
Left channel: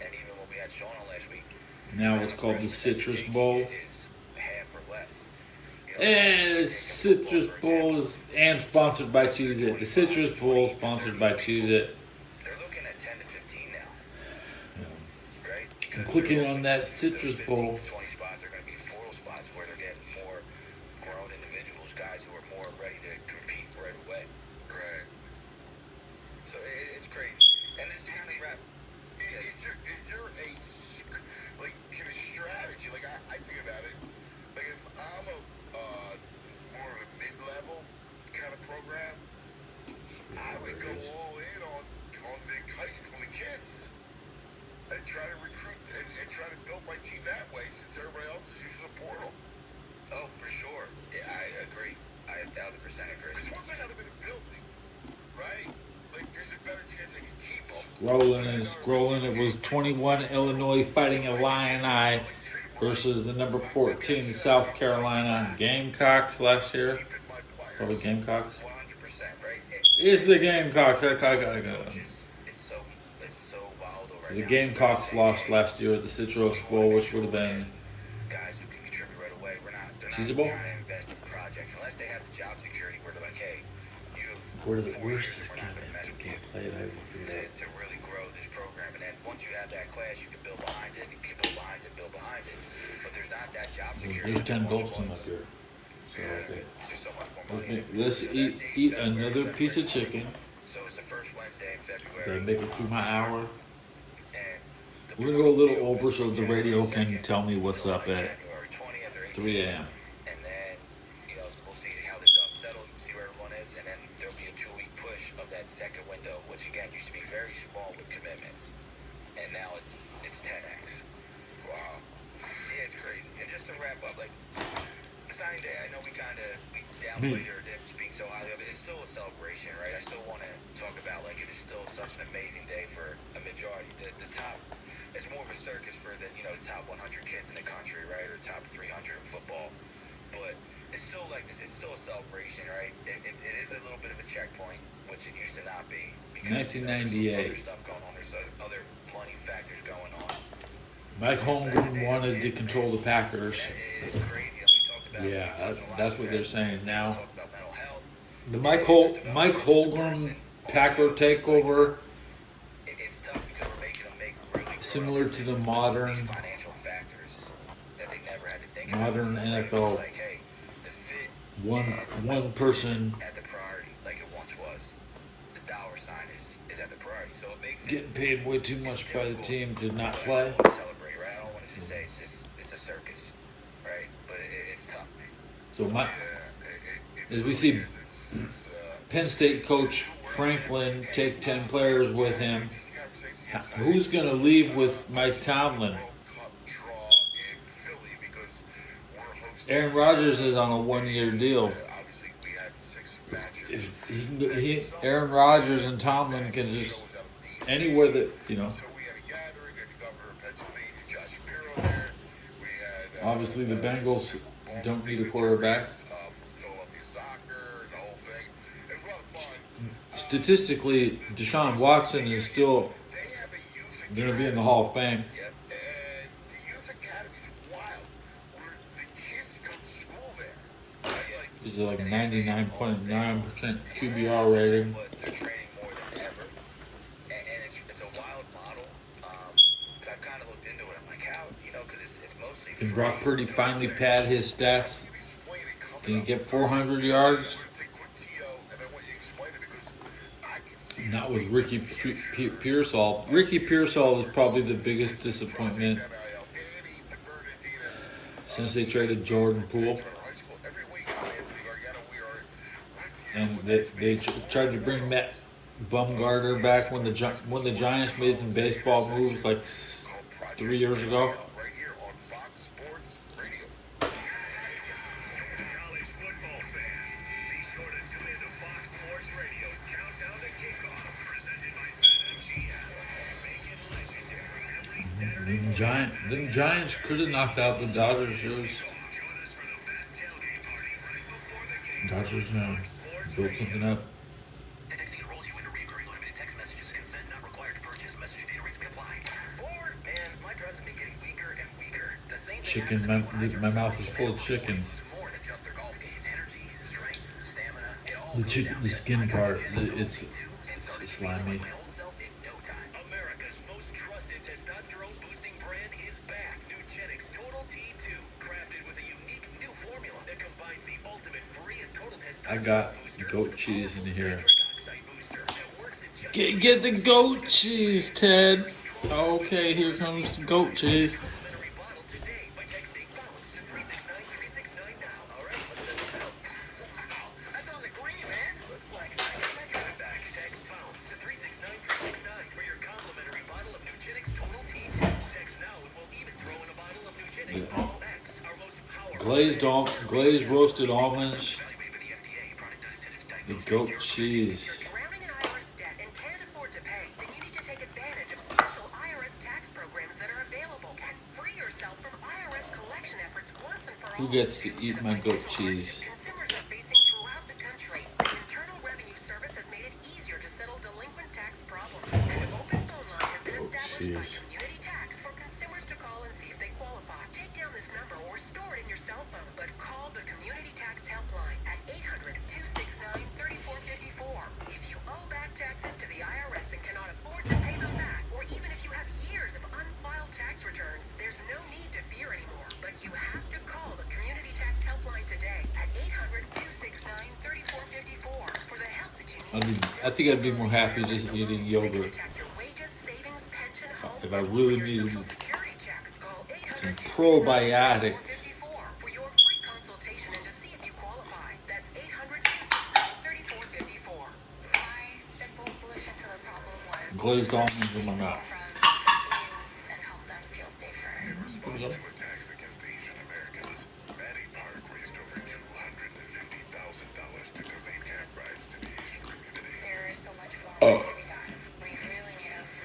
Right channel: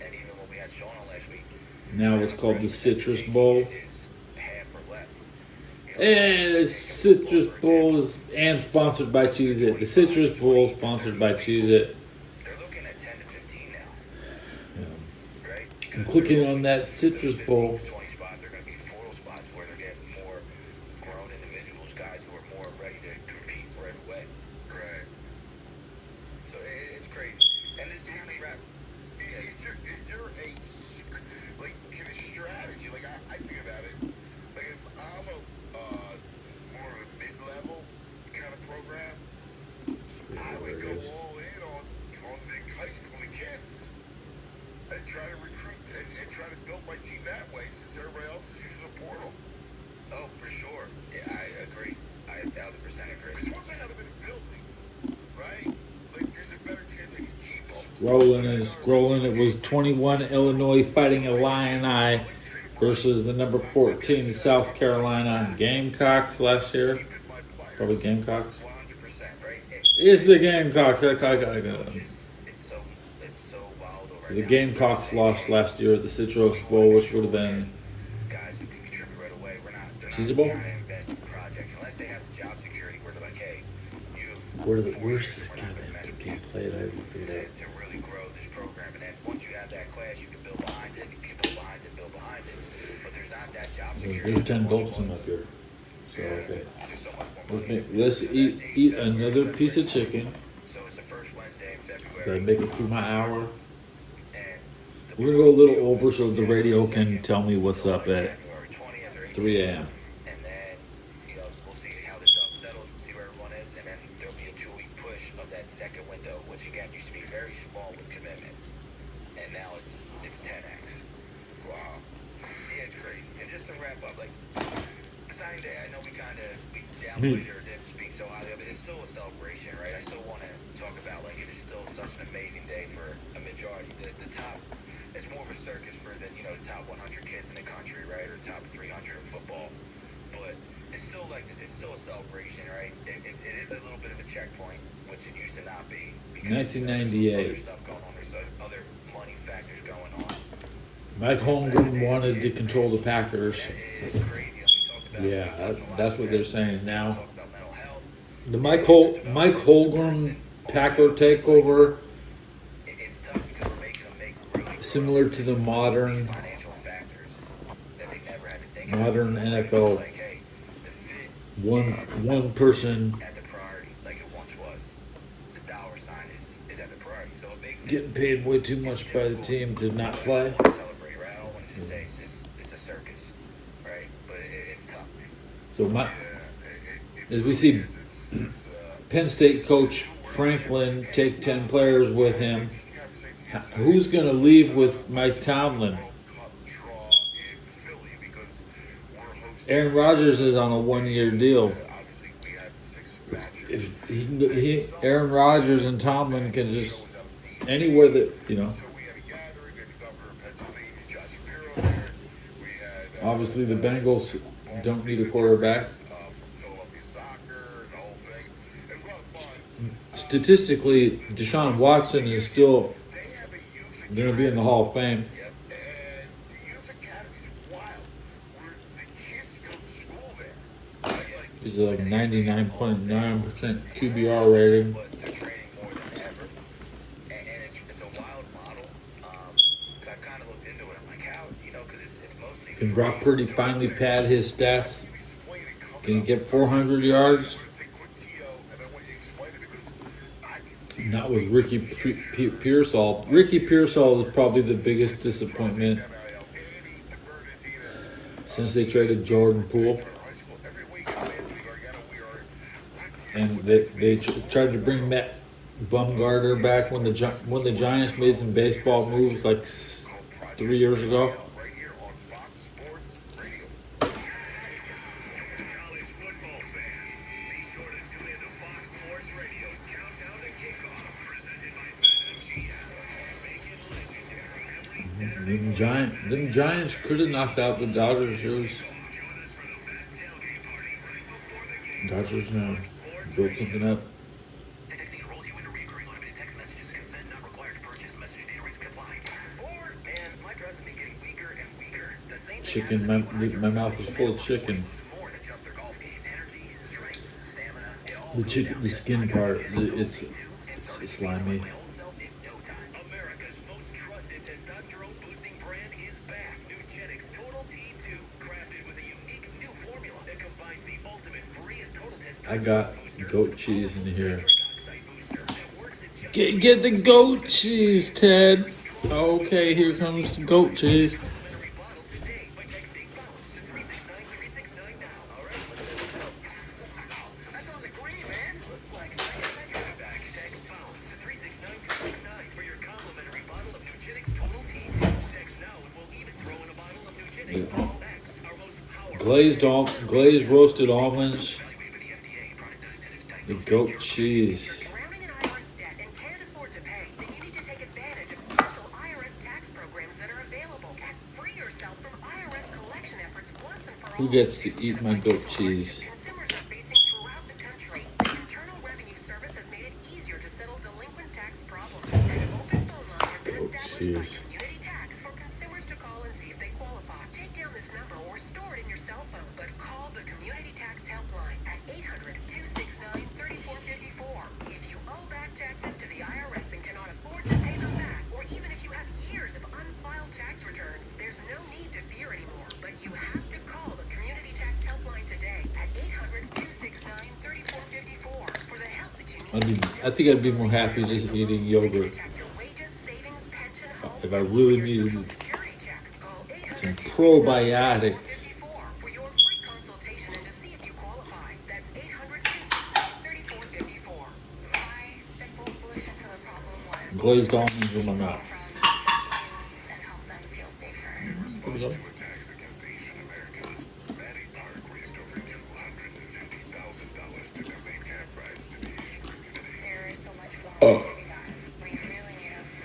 and even when we had Sean on last week, Now it's called the Citrus Bowl. is half or less. And the Citrus Bowl is and sponsored by Cheez-It. The Citrus Bowl sponsored by Cheez-It. They're looking at 10 to 15 now, right? I'm clicking on that Citrus Bowl. 20 spots are going to be portal spots where they're getting more grown individuals, guys who are more ready to compete right away. Right. So it's crazy. And this is the trap. Is there like can a strategy? Like I think about it. Like if I'm a more of a mid-level kind of program, I would go all in on the high school kids and try to recruit and try to build my team that way since everybody else is using the portal. Oh, for sure. Yeah, I agree. I 1,000% agree. Because once I got them in a building, right? Like there's a better chance I can keep them. Rolling and scrolling. It was 21 Illinois fighting Illini versus the number 14 South Carolina Gamecocks last year. Probably Gamecocks. 100%, right? It's the Gamecocks. I gotta go. It's so wild over The Gamecocks lost last year at the Citrus Bowl, which would have been guys who can contribute right away. They're not Cheez-It Bowl. trying to invest in projects unless they have the job security where they're like, hey, Where's this goddamn game played? I haven't figured out. to really grow this program. And then once you have that class, you can build behind it. You can build behind it, build behind it. But there's not that job security. There's 10 goals up here. So okay. There's so much more. Let's eat another piece of chicken. So it's the first Wednesday in February. So I make it through my hour. And We're gonna go a little over so the radio can tell me what's up at January 20th or 3 a.m. And then, we'll see how the dust settles, see where everyone is, and then there'll be a 2-week push of that second window, which again used to be very small with commitments, and now it's 10x. Wow. Yeah, it's crazy. And just to wrap up, like signing day, I know we downplayed or didn't speak so highly of it. It's still a celebration, right? I still want to talk about like it is still such an amazing day for a majority. The top, it's more of a circus for the the top 100 kids in the country, right, or top 300 in football. But it's still a celebration, right? It is a little bit of a checkpoint, which it used to not be. Because 1998. There's stuff going on. There's other money factors going on. Mike Holmgren wanted to control the Packers. It's crazy. As we talked about. Yeah, that's what they're saying now. Talk about mental health. The Mike Holmgren Packer takeover, It's tough because we're making them make really similar to the modern financial factors that they never had to think modern about. NFL. Like, hey, the fit One person at the priority, like it once was. The dollar sign is at the priority, so it makes it getting paid way too much by the team to not play. celebrate, right? I don't want to just say it's a circus, right? But it's tough. So as we see Penn State coach Franklin take 10 players with him, who's going to leave with Mike Tomlin? Cup draw in Philly Aaron Rodgers is on a 1-year deal. If Aaron Rodgers and Tomlin can just anywhere that, you know. Obviously, the Bengals don't need a quarterback. Statistically, Deshaun Watson is still going to be in the Hall of Fame. He's like 99.9% QBR rating. Can Brock Purdy finally pad his stats? Can he get 400 yards? Not with Ricky Pearsall. Ricky Pearsall is probably the biggest disappointment since they traded Jordan Poole. And they tried to bring Matt Bumgarner back when the Giants made some baseball moves like 3 years ago. The Giants could have knocked out the Dodgers. Dodgers now built something up. Chicken, my mouth is full of chicken. The skin part, it's slimy. I got goat cheese in here. Get the goat cheese, Ted. Okay, here comes the goat cheese. Glazed roasted almonds. The goat cheese. Who gets to eat my goat cheese? Goat cheese. I think I'd be more happy just eating yogurt. If I really needed some probiotics. Glazed almonds in my mouth.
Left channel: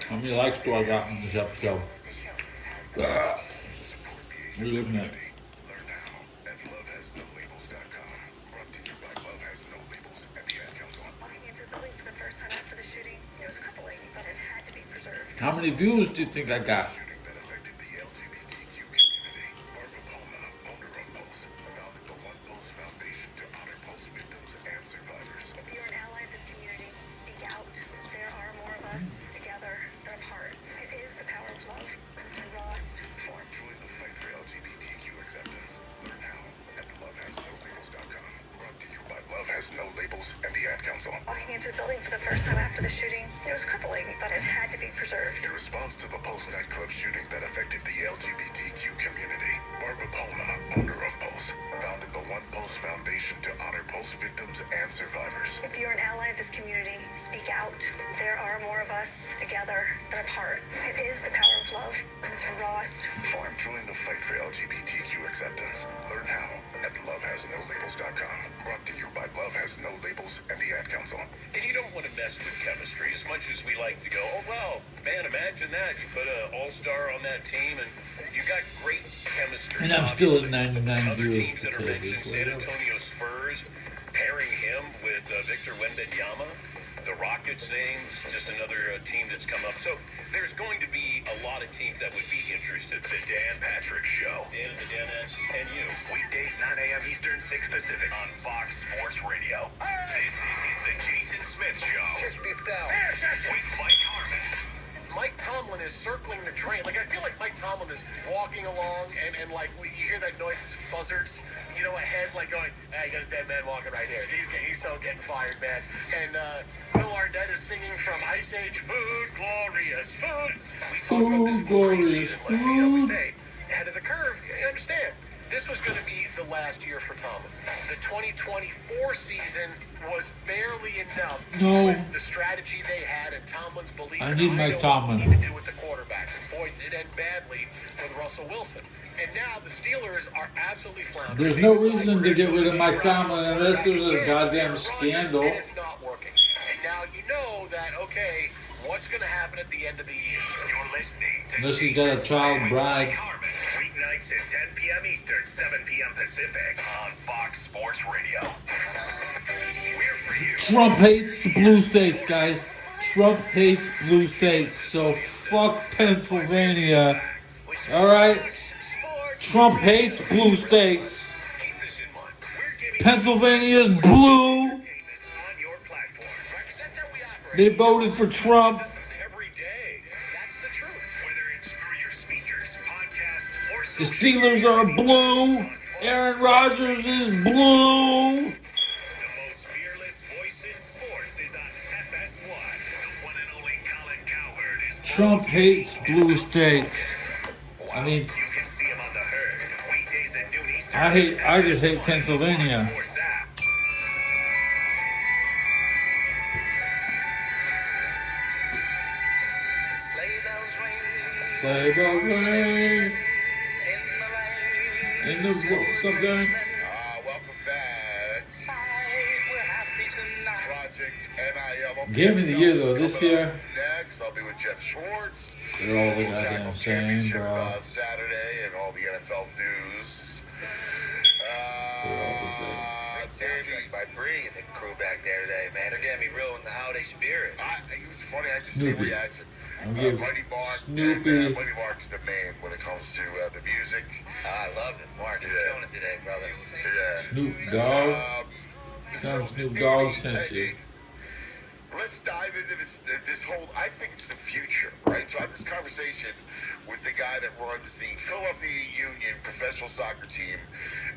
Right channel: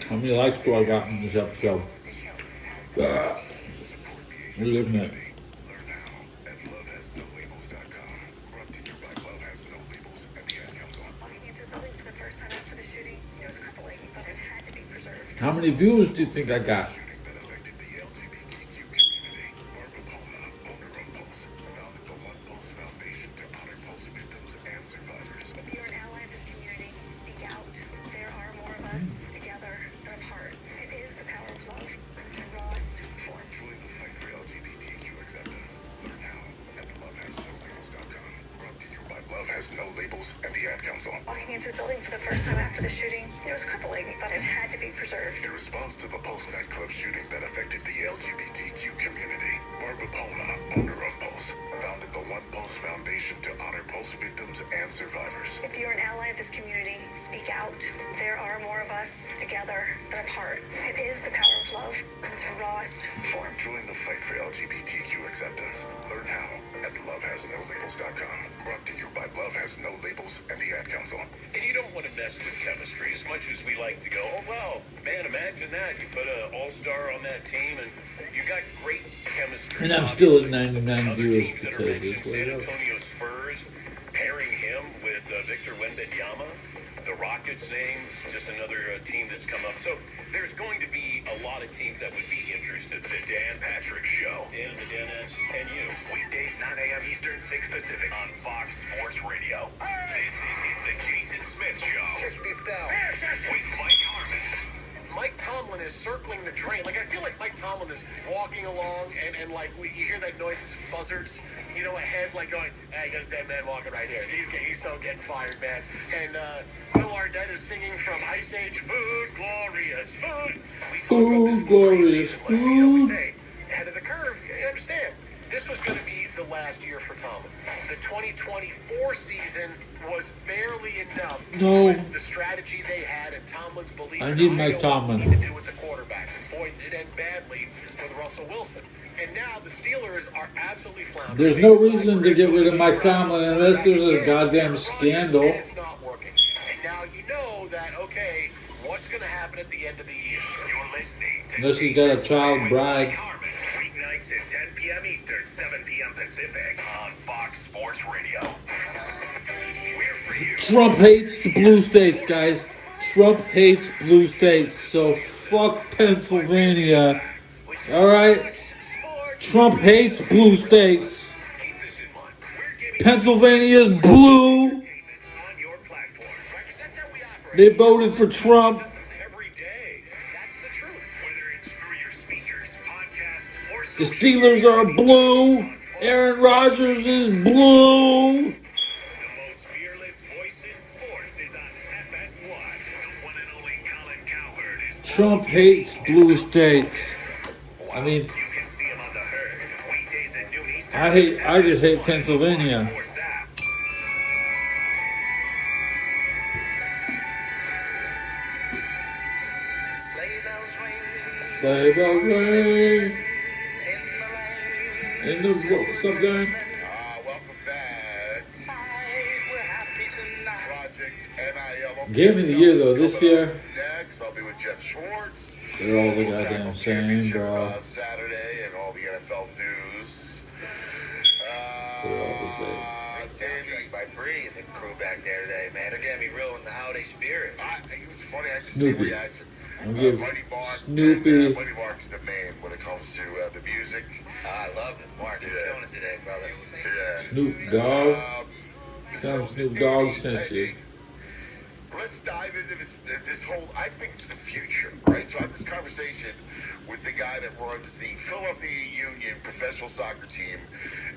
How many likes do I got in this episode? What are you looking at? How many views do you think I got? Walking into the building for the first time after the shooting, there was coupling, but it had to be preserved. In response to the Pulse nightclub shooting that affected the LGBTQ community, Barbara Palma, owner of Pulse, founded the One Pulse Foundation to honor Pulse victims and survivors. If you're an ally of this community, speak out. There are more of us together than apart. It is the power of love in its rawest form. Join the fight for LGBTQ acceptance. Learn how at lovehasnolabels.com. Brought to you by Love Has No Labels and the Ad Council. And you don't want to mess with chemistry as much as we like to go, oh, wow, man, imagine that. You put an all-star on that team, and you got great chemistry. And I'm still at 99 Other viewers teams that are because mentioned, it's what San it is. Antonio Spurs, pairing him with Victor Wembanyama. The Rockets' name's just another team that's come up. So there's going to be a lot of teams that would be interested. The Dan Patrick Show. Dan, the Danettes, and you. Weekdays 9 a.m. Eastern, 6 Pacific on Fox Sports Radio. This is the Jason Smith Show. Just be down. With Mike Harmon. Mike Tomlin is circling the train. Like, I feel like Mike Tomlin is walking along, and like, you hear that noise, it's buzzards, you know, ahead, like going, hey, you got a dead man walking right here. He's so getting fired, man. And Bill Arnett is singing from Ice Age, food, glorious food. Food, glorious food. Say, ahead of the curve, you understand. This was going to be the last year for Tomlin. The 2024 season was barely enough. No. With the strategy they had and Tomlin's belief. I need Mike Tomlin. To do with the quarterback. And boy, it ended badly with Russell Wilson. And now the Steelers are absolutely floundering. There's no reason to get rid of Mike Tomlin unless there's a goddamn scandal. And it's not working. And now you know that, okay, what's going to happen at the end of the year? You're listening to Unless he's got a child bride. Mike Harmon. Weeknights at 10 p.m. Eastern, 7 p.m. Pacific on Fox Sports Radio. We're for you. Trump hates the blue states, guys. Trump hates blue states, so fuck Pennsylvania. Alright? Trump hates blue states. Pennsylvania's blue. On your platform. They voted for Trump. Every day. That's the truth. Whether it's through your speakers, podcasts, or The social Steelers are blue. Aaron Rodgers is blue. The most fearless voice in sports is on FS1. The one and only Colin Cowherd is Trump hates blue states. I mean, You can see him on the herd. Weekdays at noon Eastern. I just hate Pennsylvania. Sports app. Sleigh bells ring in the something. Welcome back. Project NIL. Game of the year though this year. Next, I'll be with Jeff Schwartz. They're all the goddamn same, bro. Saturday and all the NFL news. They're all the same. Danny by Bree and the crew back there today, man. They're getting me real in the holiday spirit. It was funny. I just Snoopy. see the reaction. I'm giving Mighty Mark, Snoopy. Mighty Mark's the man when it comes to the music. I love it. Mark, you're doing it today, brother. Yeah. Snoop Dogg. Tell So him Snoop Dogg sent you. Let's dive into this whole. I think it's the future, right? So I had this conversation with the guy that runs the Philadelphia Union professional soccer team.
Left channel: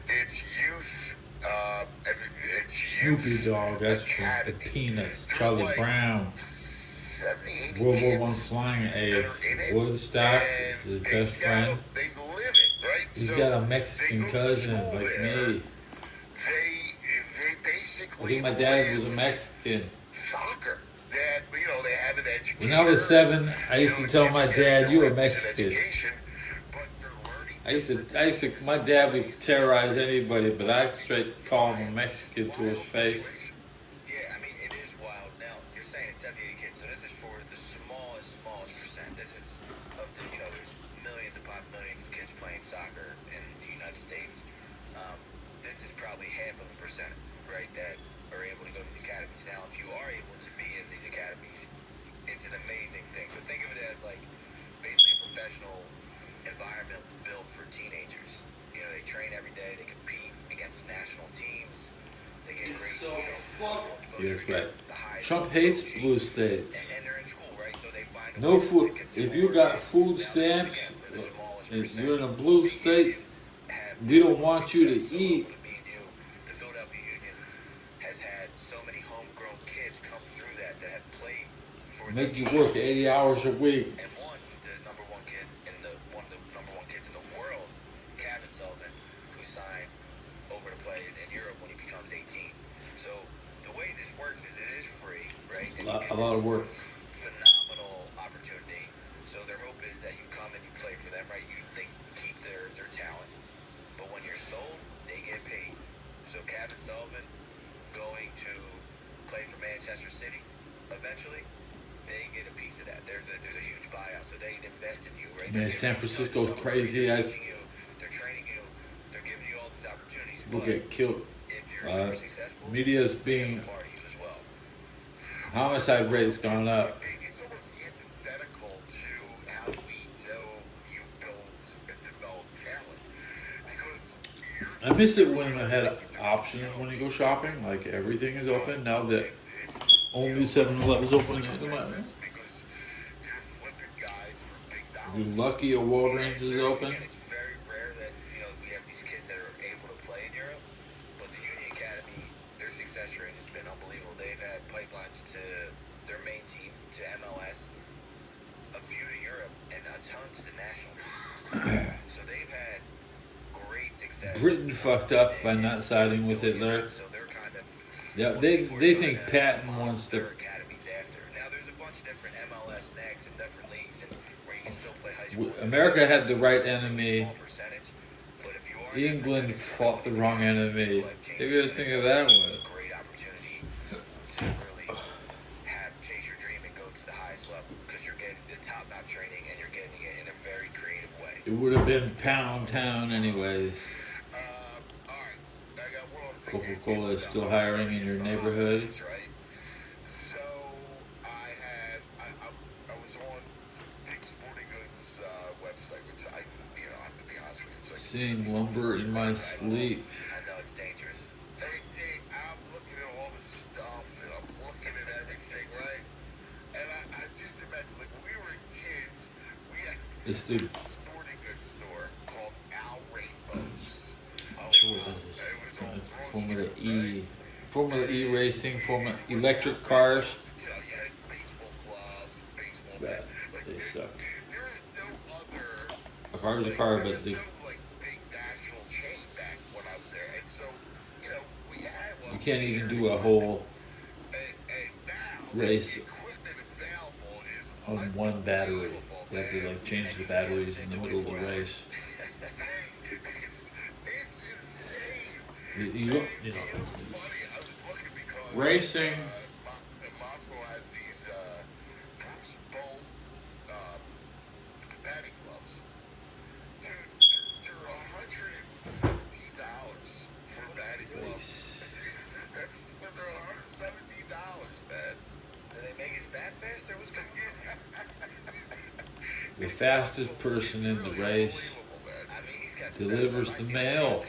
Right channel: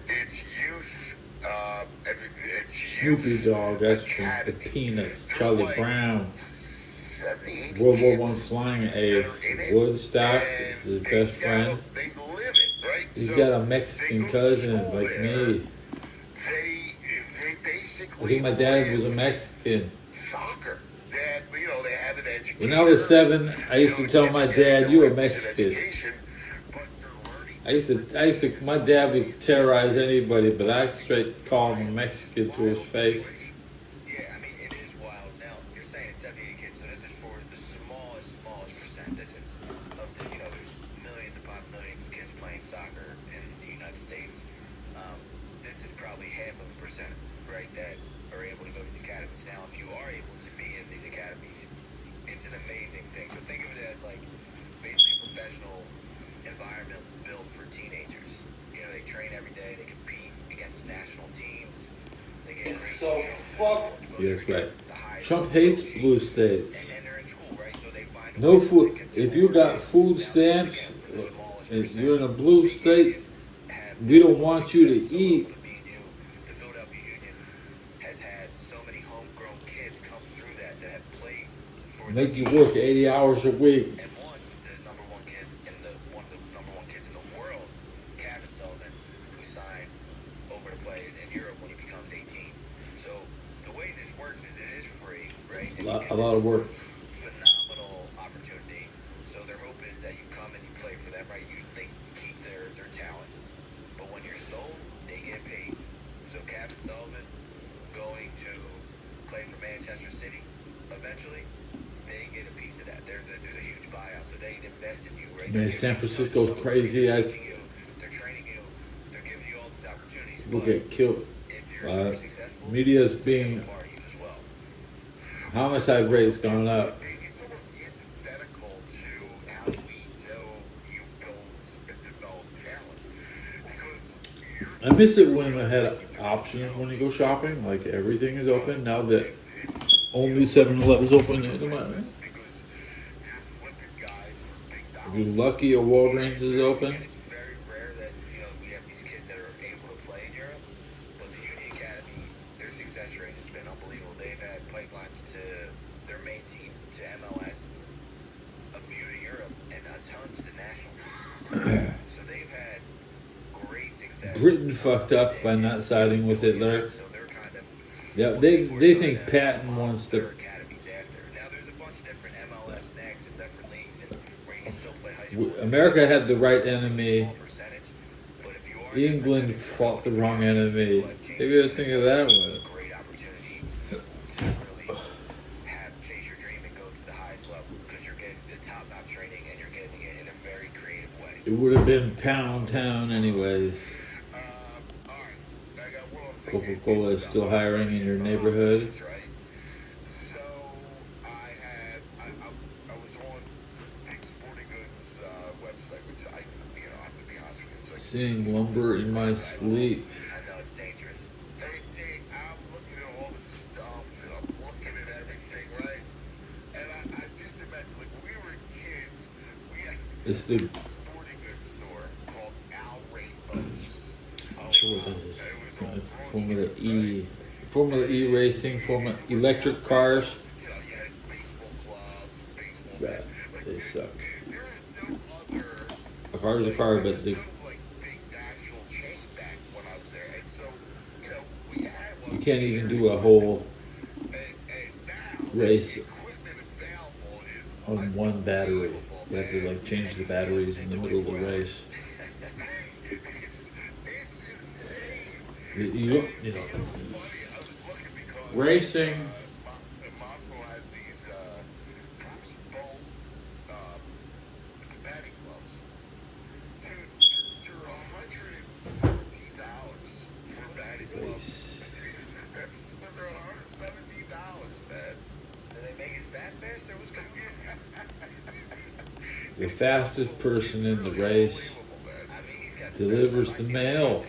It's youth. And it's Snoopy youth Dogg. That's from the academy. Peanuts. There's Charlie like Brown. 70, World 80 War I kids flying ace. in it, Woodstock and is his they best got- friend. They live it, right? He's So got a they Mexican go to cousin school like there. me. They basically. I think my dad was a Mexican. Soccer. They had an education. When I was 7, I used to tell my dad, "You a Mexican." My dad would terrorize anybody, but I straight call him a Mexican to his face. Yeah, I mean, it is wild now. You're saying 70 kids, so this is for the smallest percent. This is of the, there's millions upon millions of kids playing soccer in the United States. This is probably half of a percent, right, that are able to go to these academies. Now, if you are able to be in these academies, it's an amazing thing. So think of it as like basically a professional environment built for teenagers. They train every day, they compete against national teams. They get Yeah, that's right. Trump hates blue states. and they're in school, right? So they find No food. If you got food stamps, if you're in a blue state, we don't want you to eat. the Philadelphia Union has had so many homegrown kids come through that have played for Make you work 80 hours a week. and one, the number one kid in one of the number one kids in the world, Kevin Sullivan, who signed over to play in Europe when he becomes 18. So the way this works is it is free, right? A lot of work. Phenomenal opportunity. So their hope is that you come and you play for them, right? They keep their talent. But when you're sold, they get paid play for Manchester City, eventually, they get a piece of that. There's a huge buyout, so they invest in you, right? Man, San Francisco's crazy. They're training you. They're giving you all these opportunities. People get killed. If you're successful, Media's being so are you as well. homicide rate's gone up. It's almost antithetical to how we know you build and develop talent. Because I miss it when I had options when you go shopping. Like everything is open now that only 7-Eleven is open. You're lucky a Walgreens is open. It's very rare that we have these kids that are able to play in Europe, but the Uni Academy, their success rate has been unbelievable. They've had pipelines to their main team, to MLS, a few to Europe, and a ton to the national team. So they've had great success. Britain fucked up by not siding with Hitler. So they're kind of Yeah, they think Patton wants to. academies after. Now there's a bunch of different MLS next and different leagues and where you can still play high school America had the right enemy. percentage. But if you are England fought the wrong enemy. Maybe I think of that one. great opportunity to really chase your dream and go to the highest level because you're getting the top-notch training and you're getting it in a very creative way. It would have been Pound Town anyways. I got one more thing. Coca-Cola is still hiring in your neighborhood. That's right. So I was on Dick's Sporting Goods website, which I have to be honest with you. Seeing lumber in my sleep. I know it's dangerous. Hey, I'm looking at all this stuff and I'm looking at everything, right? And I just imagine, like, when we were kids, we had It's the. a sporting goods store called Al Rainbows. I'm sure what that is. It's not Formula E. Formula E racing, Formula electric cars. You know, you had baseball gloves, baseball Bad. They suck. There is no other A car is a car, but they, like big national chain back when I was there. And so, we had you can't even do a whole and now race equipment available is on one battery. You have to like change the batteries in the middle of the race. You know, racing. and Moscow has these Bruce Bolt batting gloves. Dude, they're $117 for batting gloves. They're $117, man. Did they make his bat faster? What's going The fastest person in the race delivers the mail.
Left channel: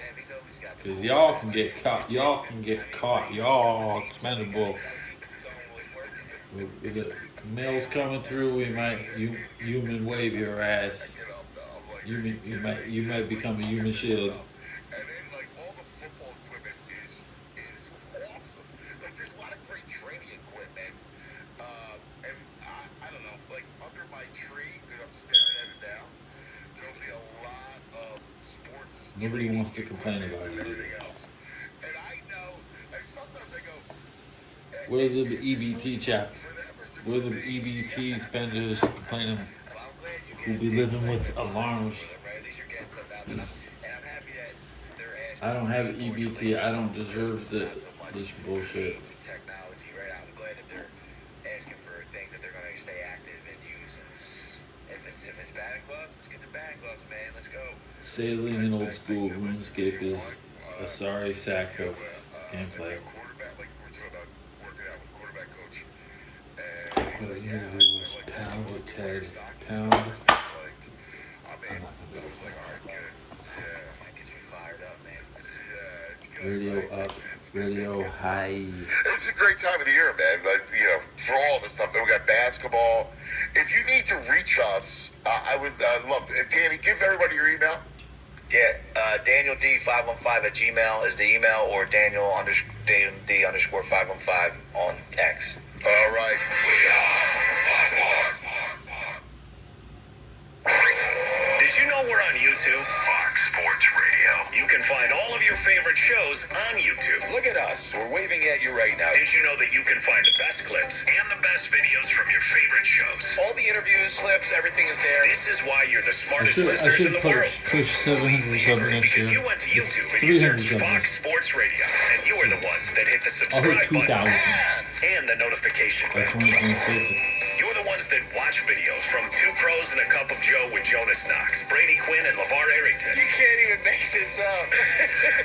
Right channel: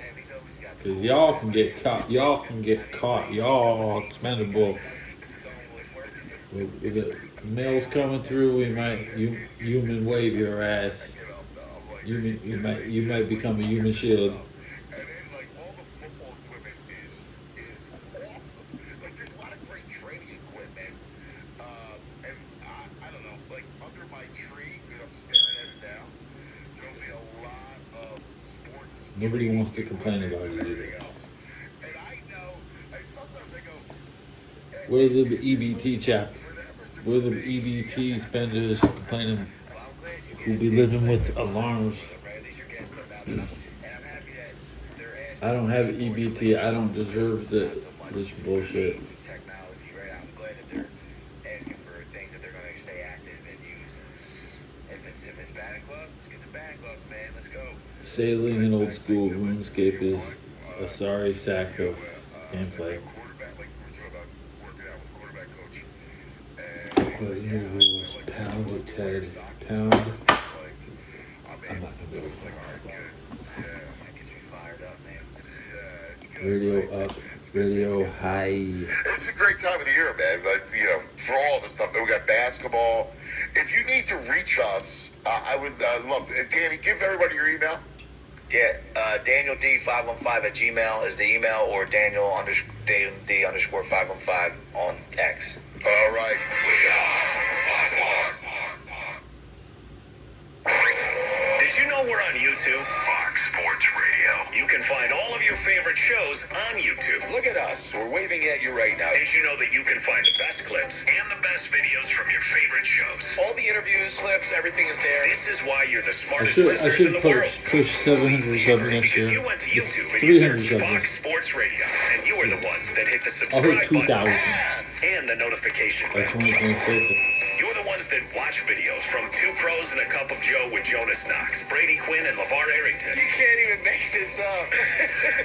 Cause y'all can get caught. Y'all can get caught. Y'all expendable. If the mail's coming through, we might human wave your ass. You might become a human shield. And then, like, all the football equipment is awesome. Like, there's a lot of great training equipment. And I don't know, like, under my tree, because I'm staring at it now, there'll be a lot of sports. Nobody wants to complain about it either. Else. And I know, and sometimes I go, Where's the EBT chap? Where the EBT spenders complaining who be living with alarms? I don't have EBT. I don't deserve this bullshit. technology, right? I'm glad that they're asking for things that they're going to stay active and use. If it's batting gloves, let's get the batting gloves, man. Let's go. Sailing in old school RuneScape is a sorry sack of gameplay. quarterback, like we're talking about working out with a quarterback coach. But interview was pound it, Ted. Pound. I'm not gonna be able to. That gets me fired up, man. Radio up, radio high. It's a great time of the year, man. Like, for all this stuff. We got basketball. If you need to reach us, I would love to. Danny, give everybody your email. Yeah, Daniel D515 at Gmail is the email, or Daniel D underscore 515 on X. All right. Did you know we're on YouTube? Fox Sports Radio. You can find all of your favorite shows on YouTube. Look at us. We're waving at you right now. Did you know that you can find the best clips and the best videos from your favorite shows? All the interviews, clips, everything is there. This is why you're the smartest I listeners in should the world. push 700 subs next Because year. you went to It's YouTube and 300 you subs. searched Fox Sports Radio, and you are the ones that hit the I'll subscribe hit 2,000. button. and the notification by bell. 2026. You're the ones that watch videos from Two Pros and a Cup of Joe with Jonas Knox, Brady Quinn, and LeVar Arrington. You can't even make this up.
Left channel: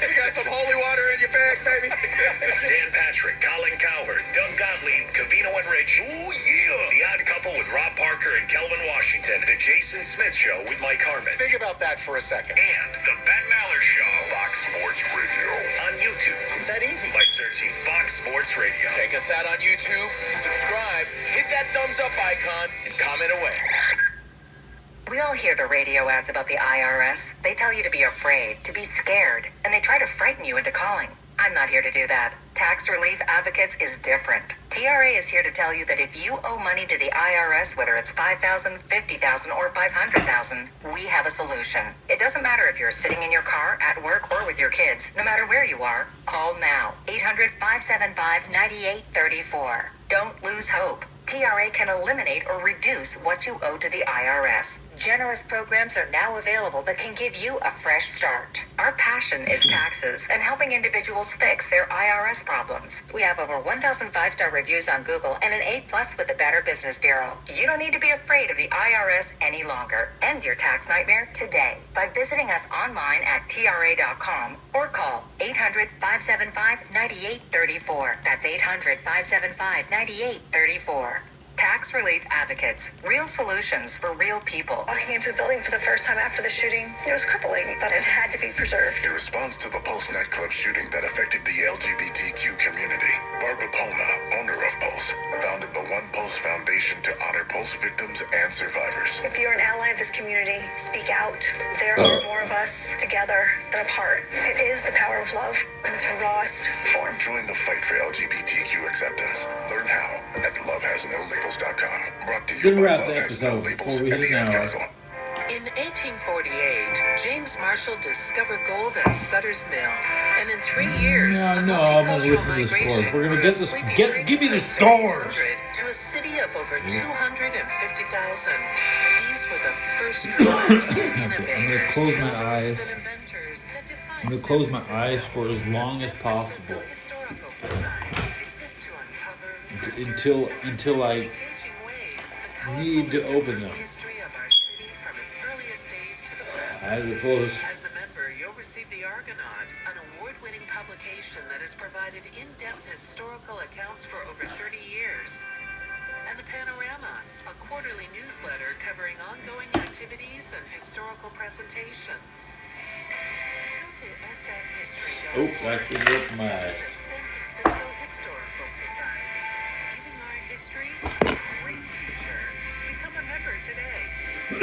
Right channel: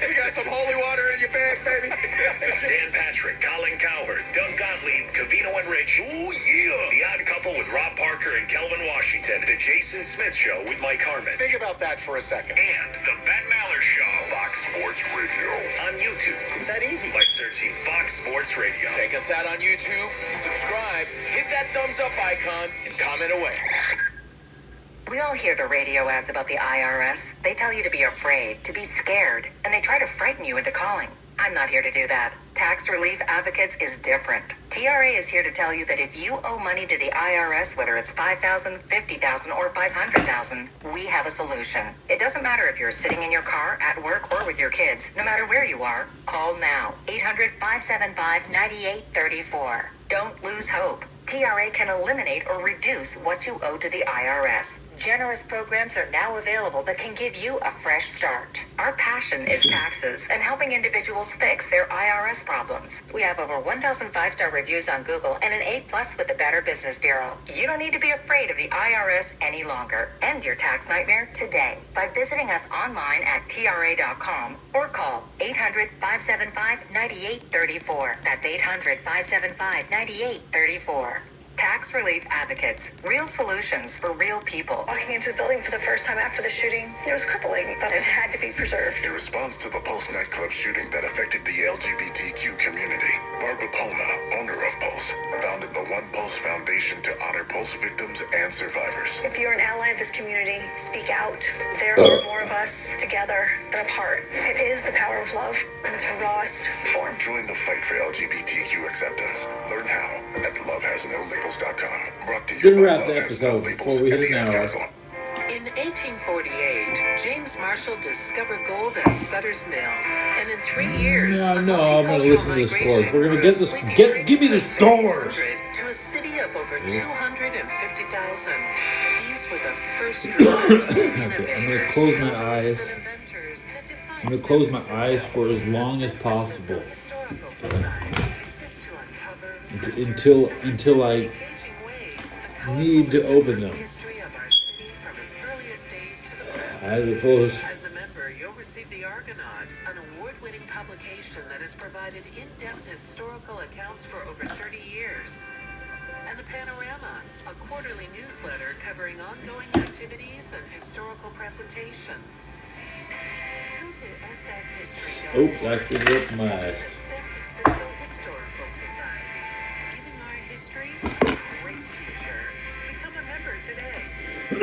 You got some holy water in your bag, baby. Dan Patrick, Colin Cowherd, Doug Gottlieb, Cavino and Rich. Ooh, yeah. The Odd Couple with Rob Parker and Kelvin Washington. The Jason Smith Show with Mike Harmon. Think about that for a second. And the Ben Maller Show. Fox Sports Radio. On YouTube. It's that easy. By searching Fox Sports Radio. Check us out on YouTube, subscribe, hit that thumbs up icon, and comment away. We all hear the radio ads about the IRS. They tell you to be afraid, to be scared, and they try to frighten you into calling. I'm not here to do that. Tax Relief Advocates is different. TRA is here to tell you that if you owe money to the IRS, whether it's $5,000, $50,000, or $500,000, we have a solution. It doesn't matter if you're sitting in your car, at work, or with your kids. No matter where you are, call now. 800-575-9834. Don't lose hope. TRA can eliminate or reduce what you owe to the IRS. Generous programs are now available that can give you a fresh start. Our passion is taxes and helping individuals fix their IRS problems. We have over 1,000 5-star reviews on Google and an A+ with the Better Business Bureau. You don't need to be afraid of the IRS any longer. End your tax nightmare today by visiting us online at tra.com or call 800-575-9834. That's 800-575-9834. Tax Relief Advocates. Real solutions for real people. Walking into a building for the first time after the shooting, it was crippling, but it had to be preserved. In response to the Pulse nightclub shooting that affected the LGBTQ community, Barbara Palma, owner of Pulse, founded the One Pulse Foundation to honor Pulse victims and survivors. If you're an ally of this community, speak out. There are more of us together than apart. It is the power of love in its rawest form. Join the fight for LGBTQ acceptance. Learn how at lovehasnolabels.com. Brought to you Gonna by wrap Love the Has episode No before Labels we hit and an the Ad hour. Council. In 1848, James Marshall discovered gold at Sutter's Mill, and in 3 years, No, the I'm gonna multicultural listen to the migration scores. We're gonna grew get a this. sleeping Give me the from scores. 700 to a city of over 250,000. These were the first drovers, Okay, I'm gonna close my eyes. and inventors that defined I'm gonna close my eyes for as long as possible until I need to open them. Eyes are closed. As a member, you'll receive the Argonaut, an award-winning publication that has provided in-depth historical accounts for over 30 years. And the Panorama, a quarterly newsletter covering ongoing activities and historical presentations. Come to sfhistory.org. Oops, I actually opened my eyes. San Francisco Historical Society. Giving our history a great future. Become a member today. For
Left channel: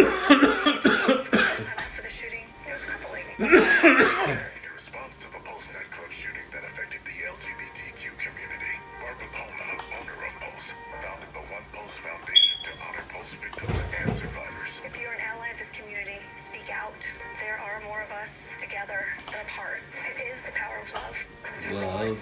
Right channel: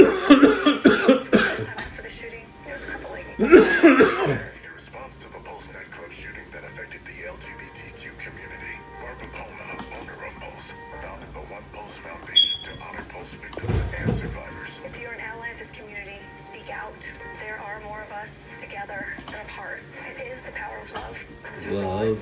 the shooting, it was crippling. In response to the Pulse nightclub shooting that affected the LGBTQ community, Barbara Palma, owner of Pulse, founded the One Pulse Foundation to honor Pulse victims and survivors. If you're an ally of this community, speak out. There are more of us together than apart. It is the power of love. Love.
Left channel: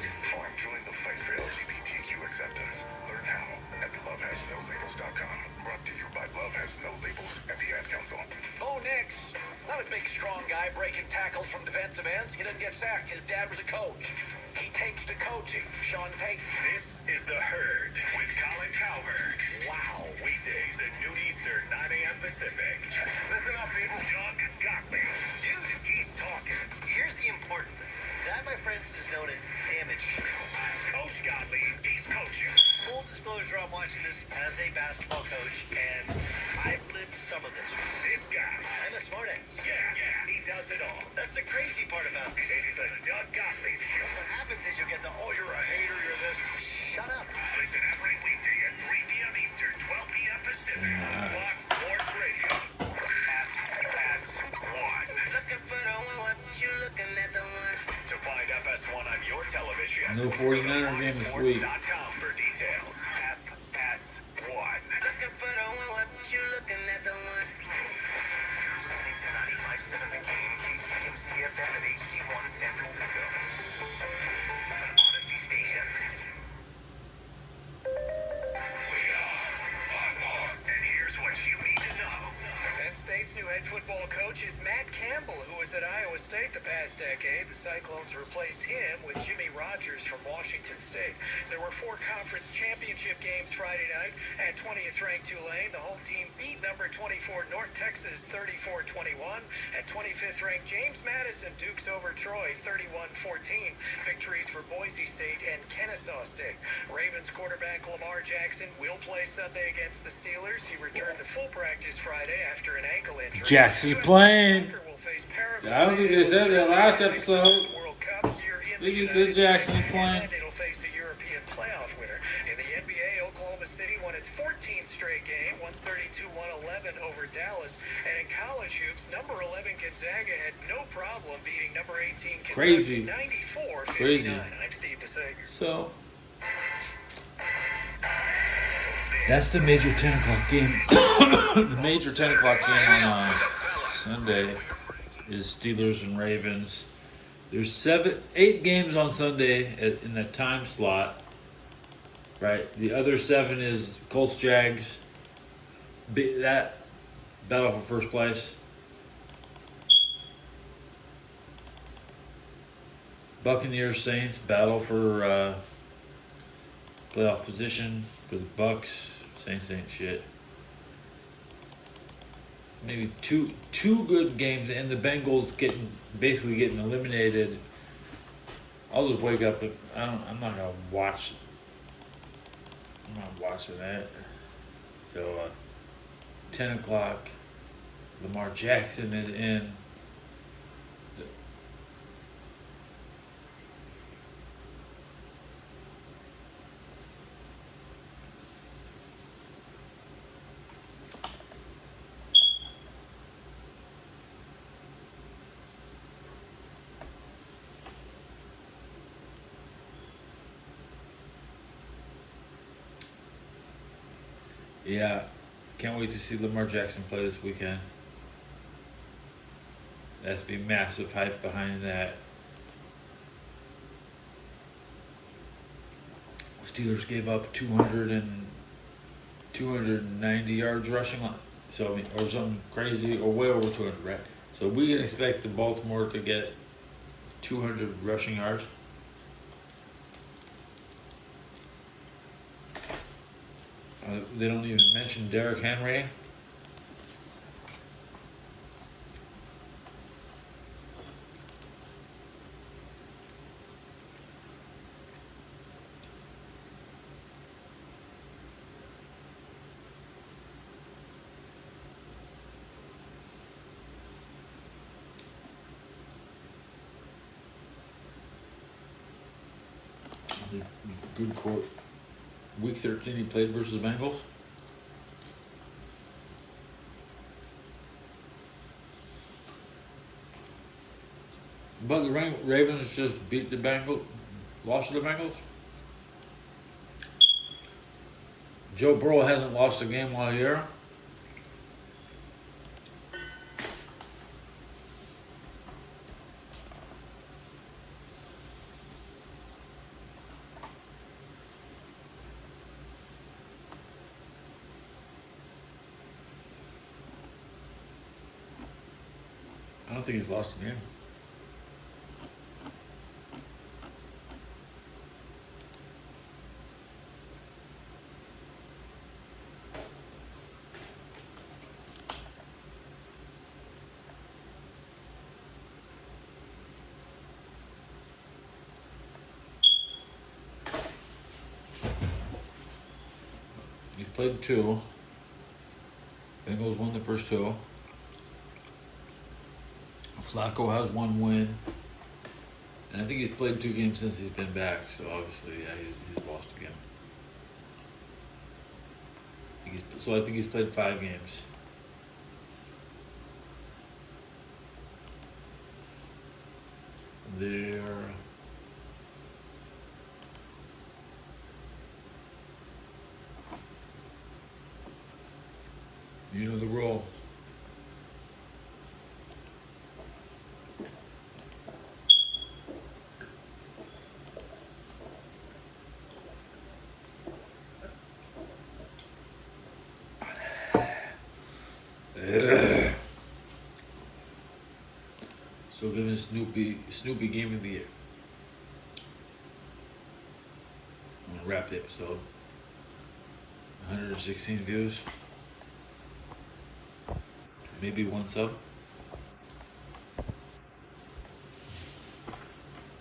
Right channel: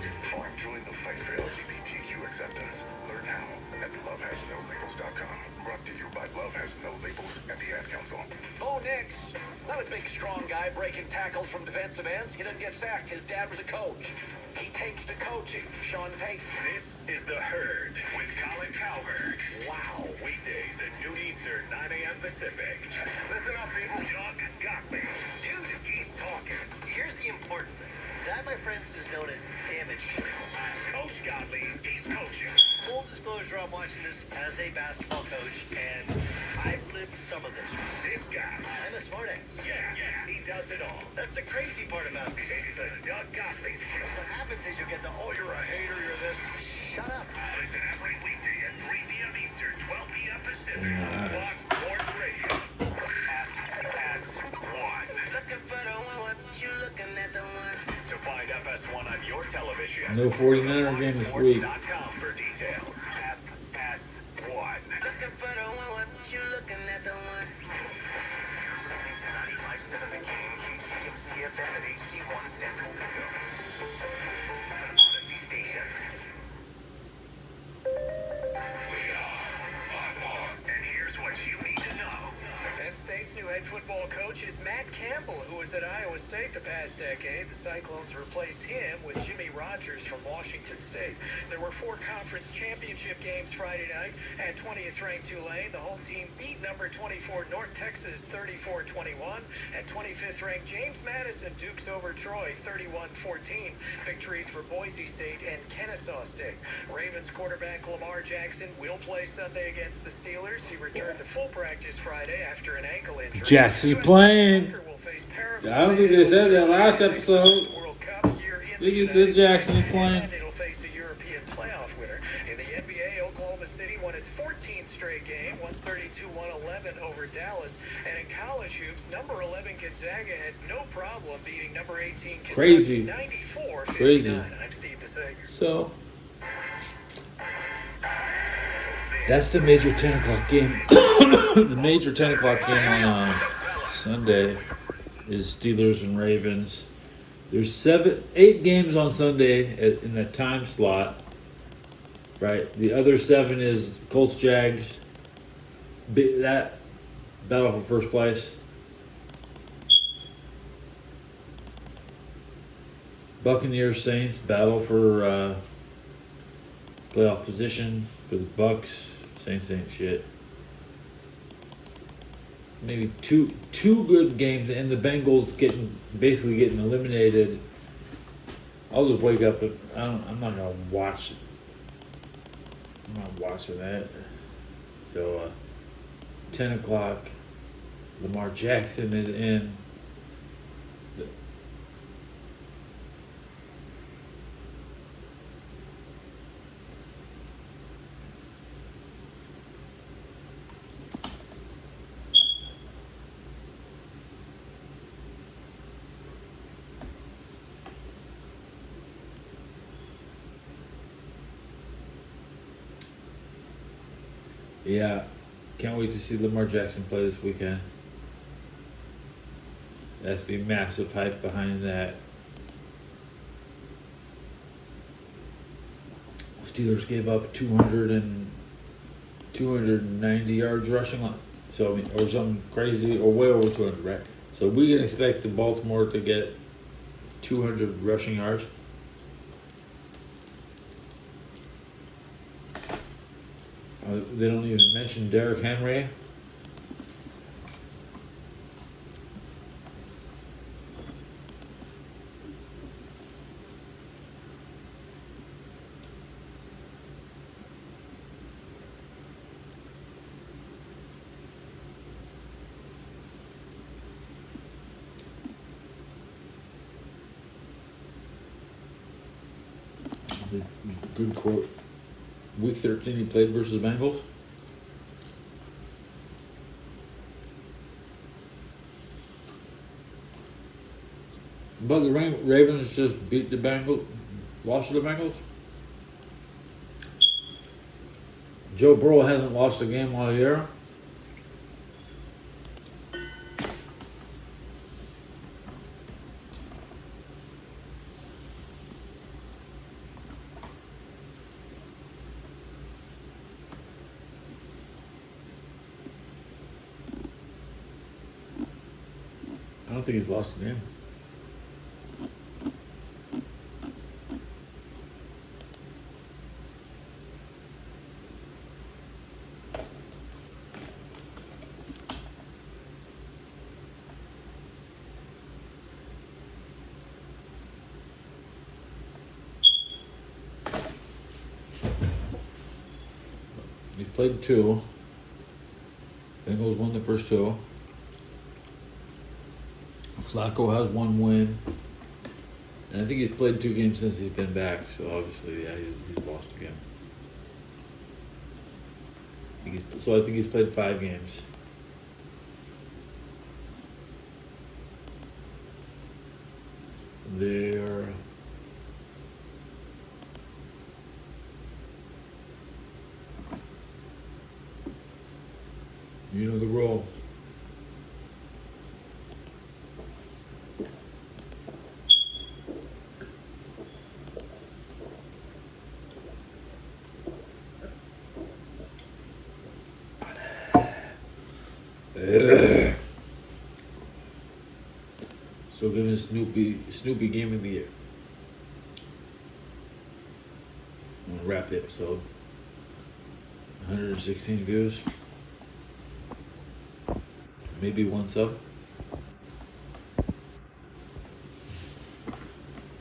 Join the fight for LGBTQ acceptance. Learn how at lovehasnolabels.com. Brought to you by Love Has No Labels and the Ad Council. Bo Nix, not a big, strong guy breaking tackles from defensive ends. He doesn't get sacked. His dad was a coach. He takes to coaching. Sean Payton. This is The Herd with Colin Cowherd. Wow. Weekdays at noon Eastern, 9 a.m. Pacific. Listen up, people. Doug Gottlieb. Dude, he's talking. Here's the important thing. That, my friends, is known as damage. Coach Gottlieb, he's coaching. Full disclosure, I'm watching this as a basketball coach, and I've lived some of this. This guy. I'm a smartass. Yeah, he does it all. That's the crazy part about it. It's the Doug Gottlieb Show. What happens is you get the, oh, you're a hater, you're this. Shut up. Listen every weekday at 3 p.m. Eastern, 12 p.m. Pacific. Fox Sports Radio. FS1. To find FS1 on your television. No 49er game this week. FS1.com for details. FS1. The game, KCMCFM and HD1 San Francisco. Odyssey Station. And here's what you need to know. Penn State's new head football coach is Matt Campbell, who was at Iowa State the past decade. The Cyclones replaced him with Jimmy Rogers from Washington State. State. There were 4 conference championship games Friday night. At 20th ranked Tulane, the home team beat number 24 North Texas 34-21. At 25th ranked James Madison dukes over Troy 31-14. Victories for Boise State and Kennesaw State. Ravens quarterback Lamar Jackson will play Sunday against the Steelers. He returned to full practice Friday after an ankle injury. Jackson's playing. I don't think they said that last episode. I think he said Jackson's playing. It'll face a European playoff winner. In the NBA, Oklahoma City won its 14th straight game, 132-111 over Dallas. And in college hoops, number 11 Gonzaga had no problem beating number 18 Crazy. 94-59. Crazy. I'm Steve DeSager. So that's the major 10 o'clock game. The major 10 o'clock game on Sunday is Steelers and Ravens. There's 8 games on Sunday in that time slot, right? The other 7 is Colts, Jags, that battle for first place. Buccaneers, Saints, battle for playoff position for the Bucks. Saints ain't shit. Maybe two good games, and the Bengals basically getting eliminated. I'll just wake up, but I'm not gonna watch. I'm not watching that. So 10 o'clock, Lamar Jackson is in. Yeah, can't wait to see Lamar Jackson play this weekend. There has to be massive hype behind that. Steelers gave up 290 yards rushing line. So, I mean, or something crazy, or way over 200, right? So we can expect the Baltimore to get 200 rushing yards. They don't even mention Derrick Henry. Good court. Week 13 he played versus the Bengals. But the Ravens just beat the Bengals, lost to the Bengals. Joe Burrow hasn't lost a game all year. I don't think he's lost a game. He's played 2. Bengals won the first 2. Flacco has 1 win. And I think he's played 2 games since he's been back. So obviously, yeah, he's lost a game. I think he's played 5 games. There. You know the rule. So giving Snoopy Game of the Year. I'm gonna wrap the episode. 116 views. Maybe one sub.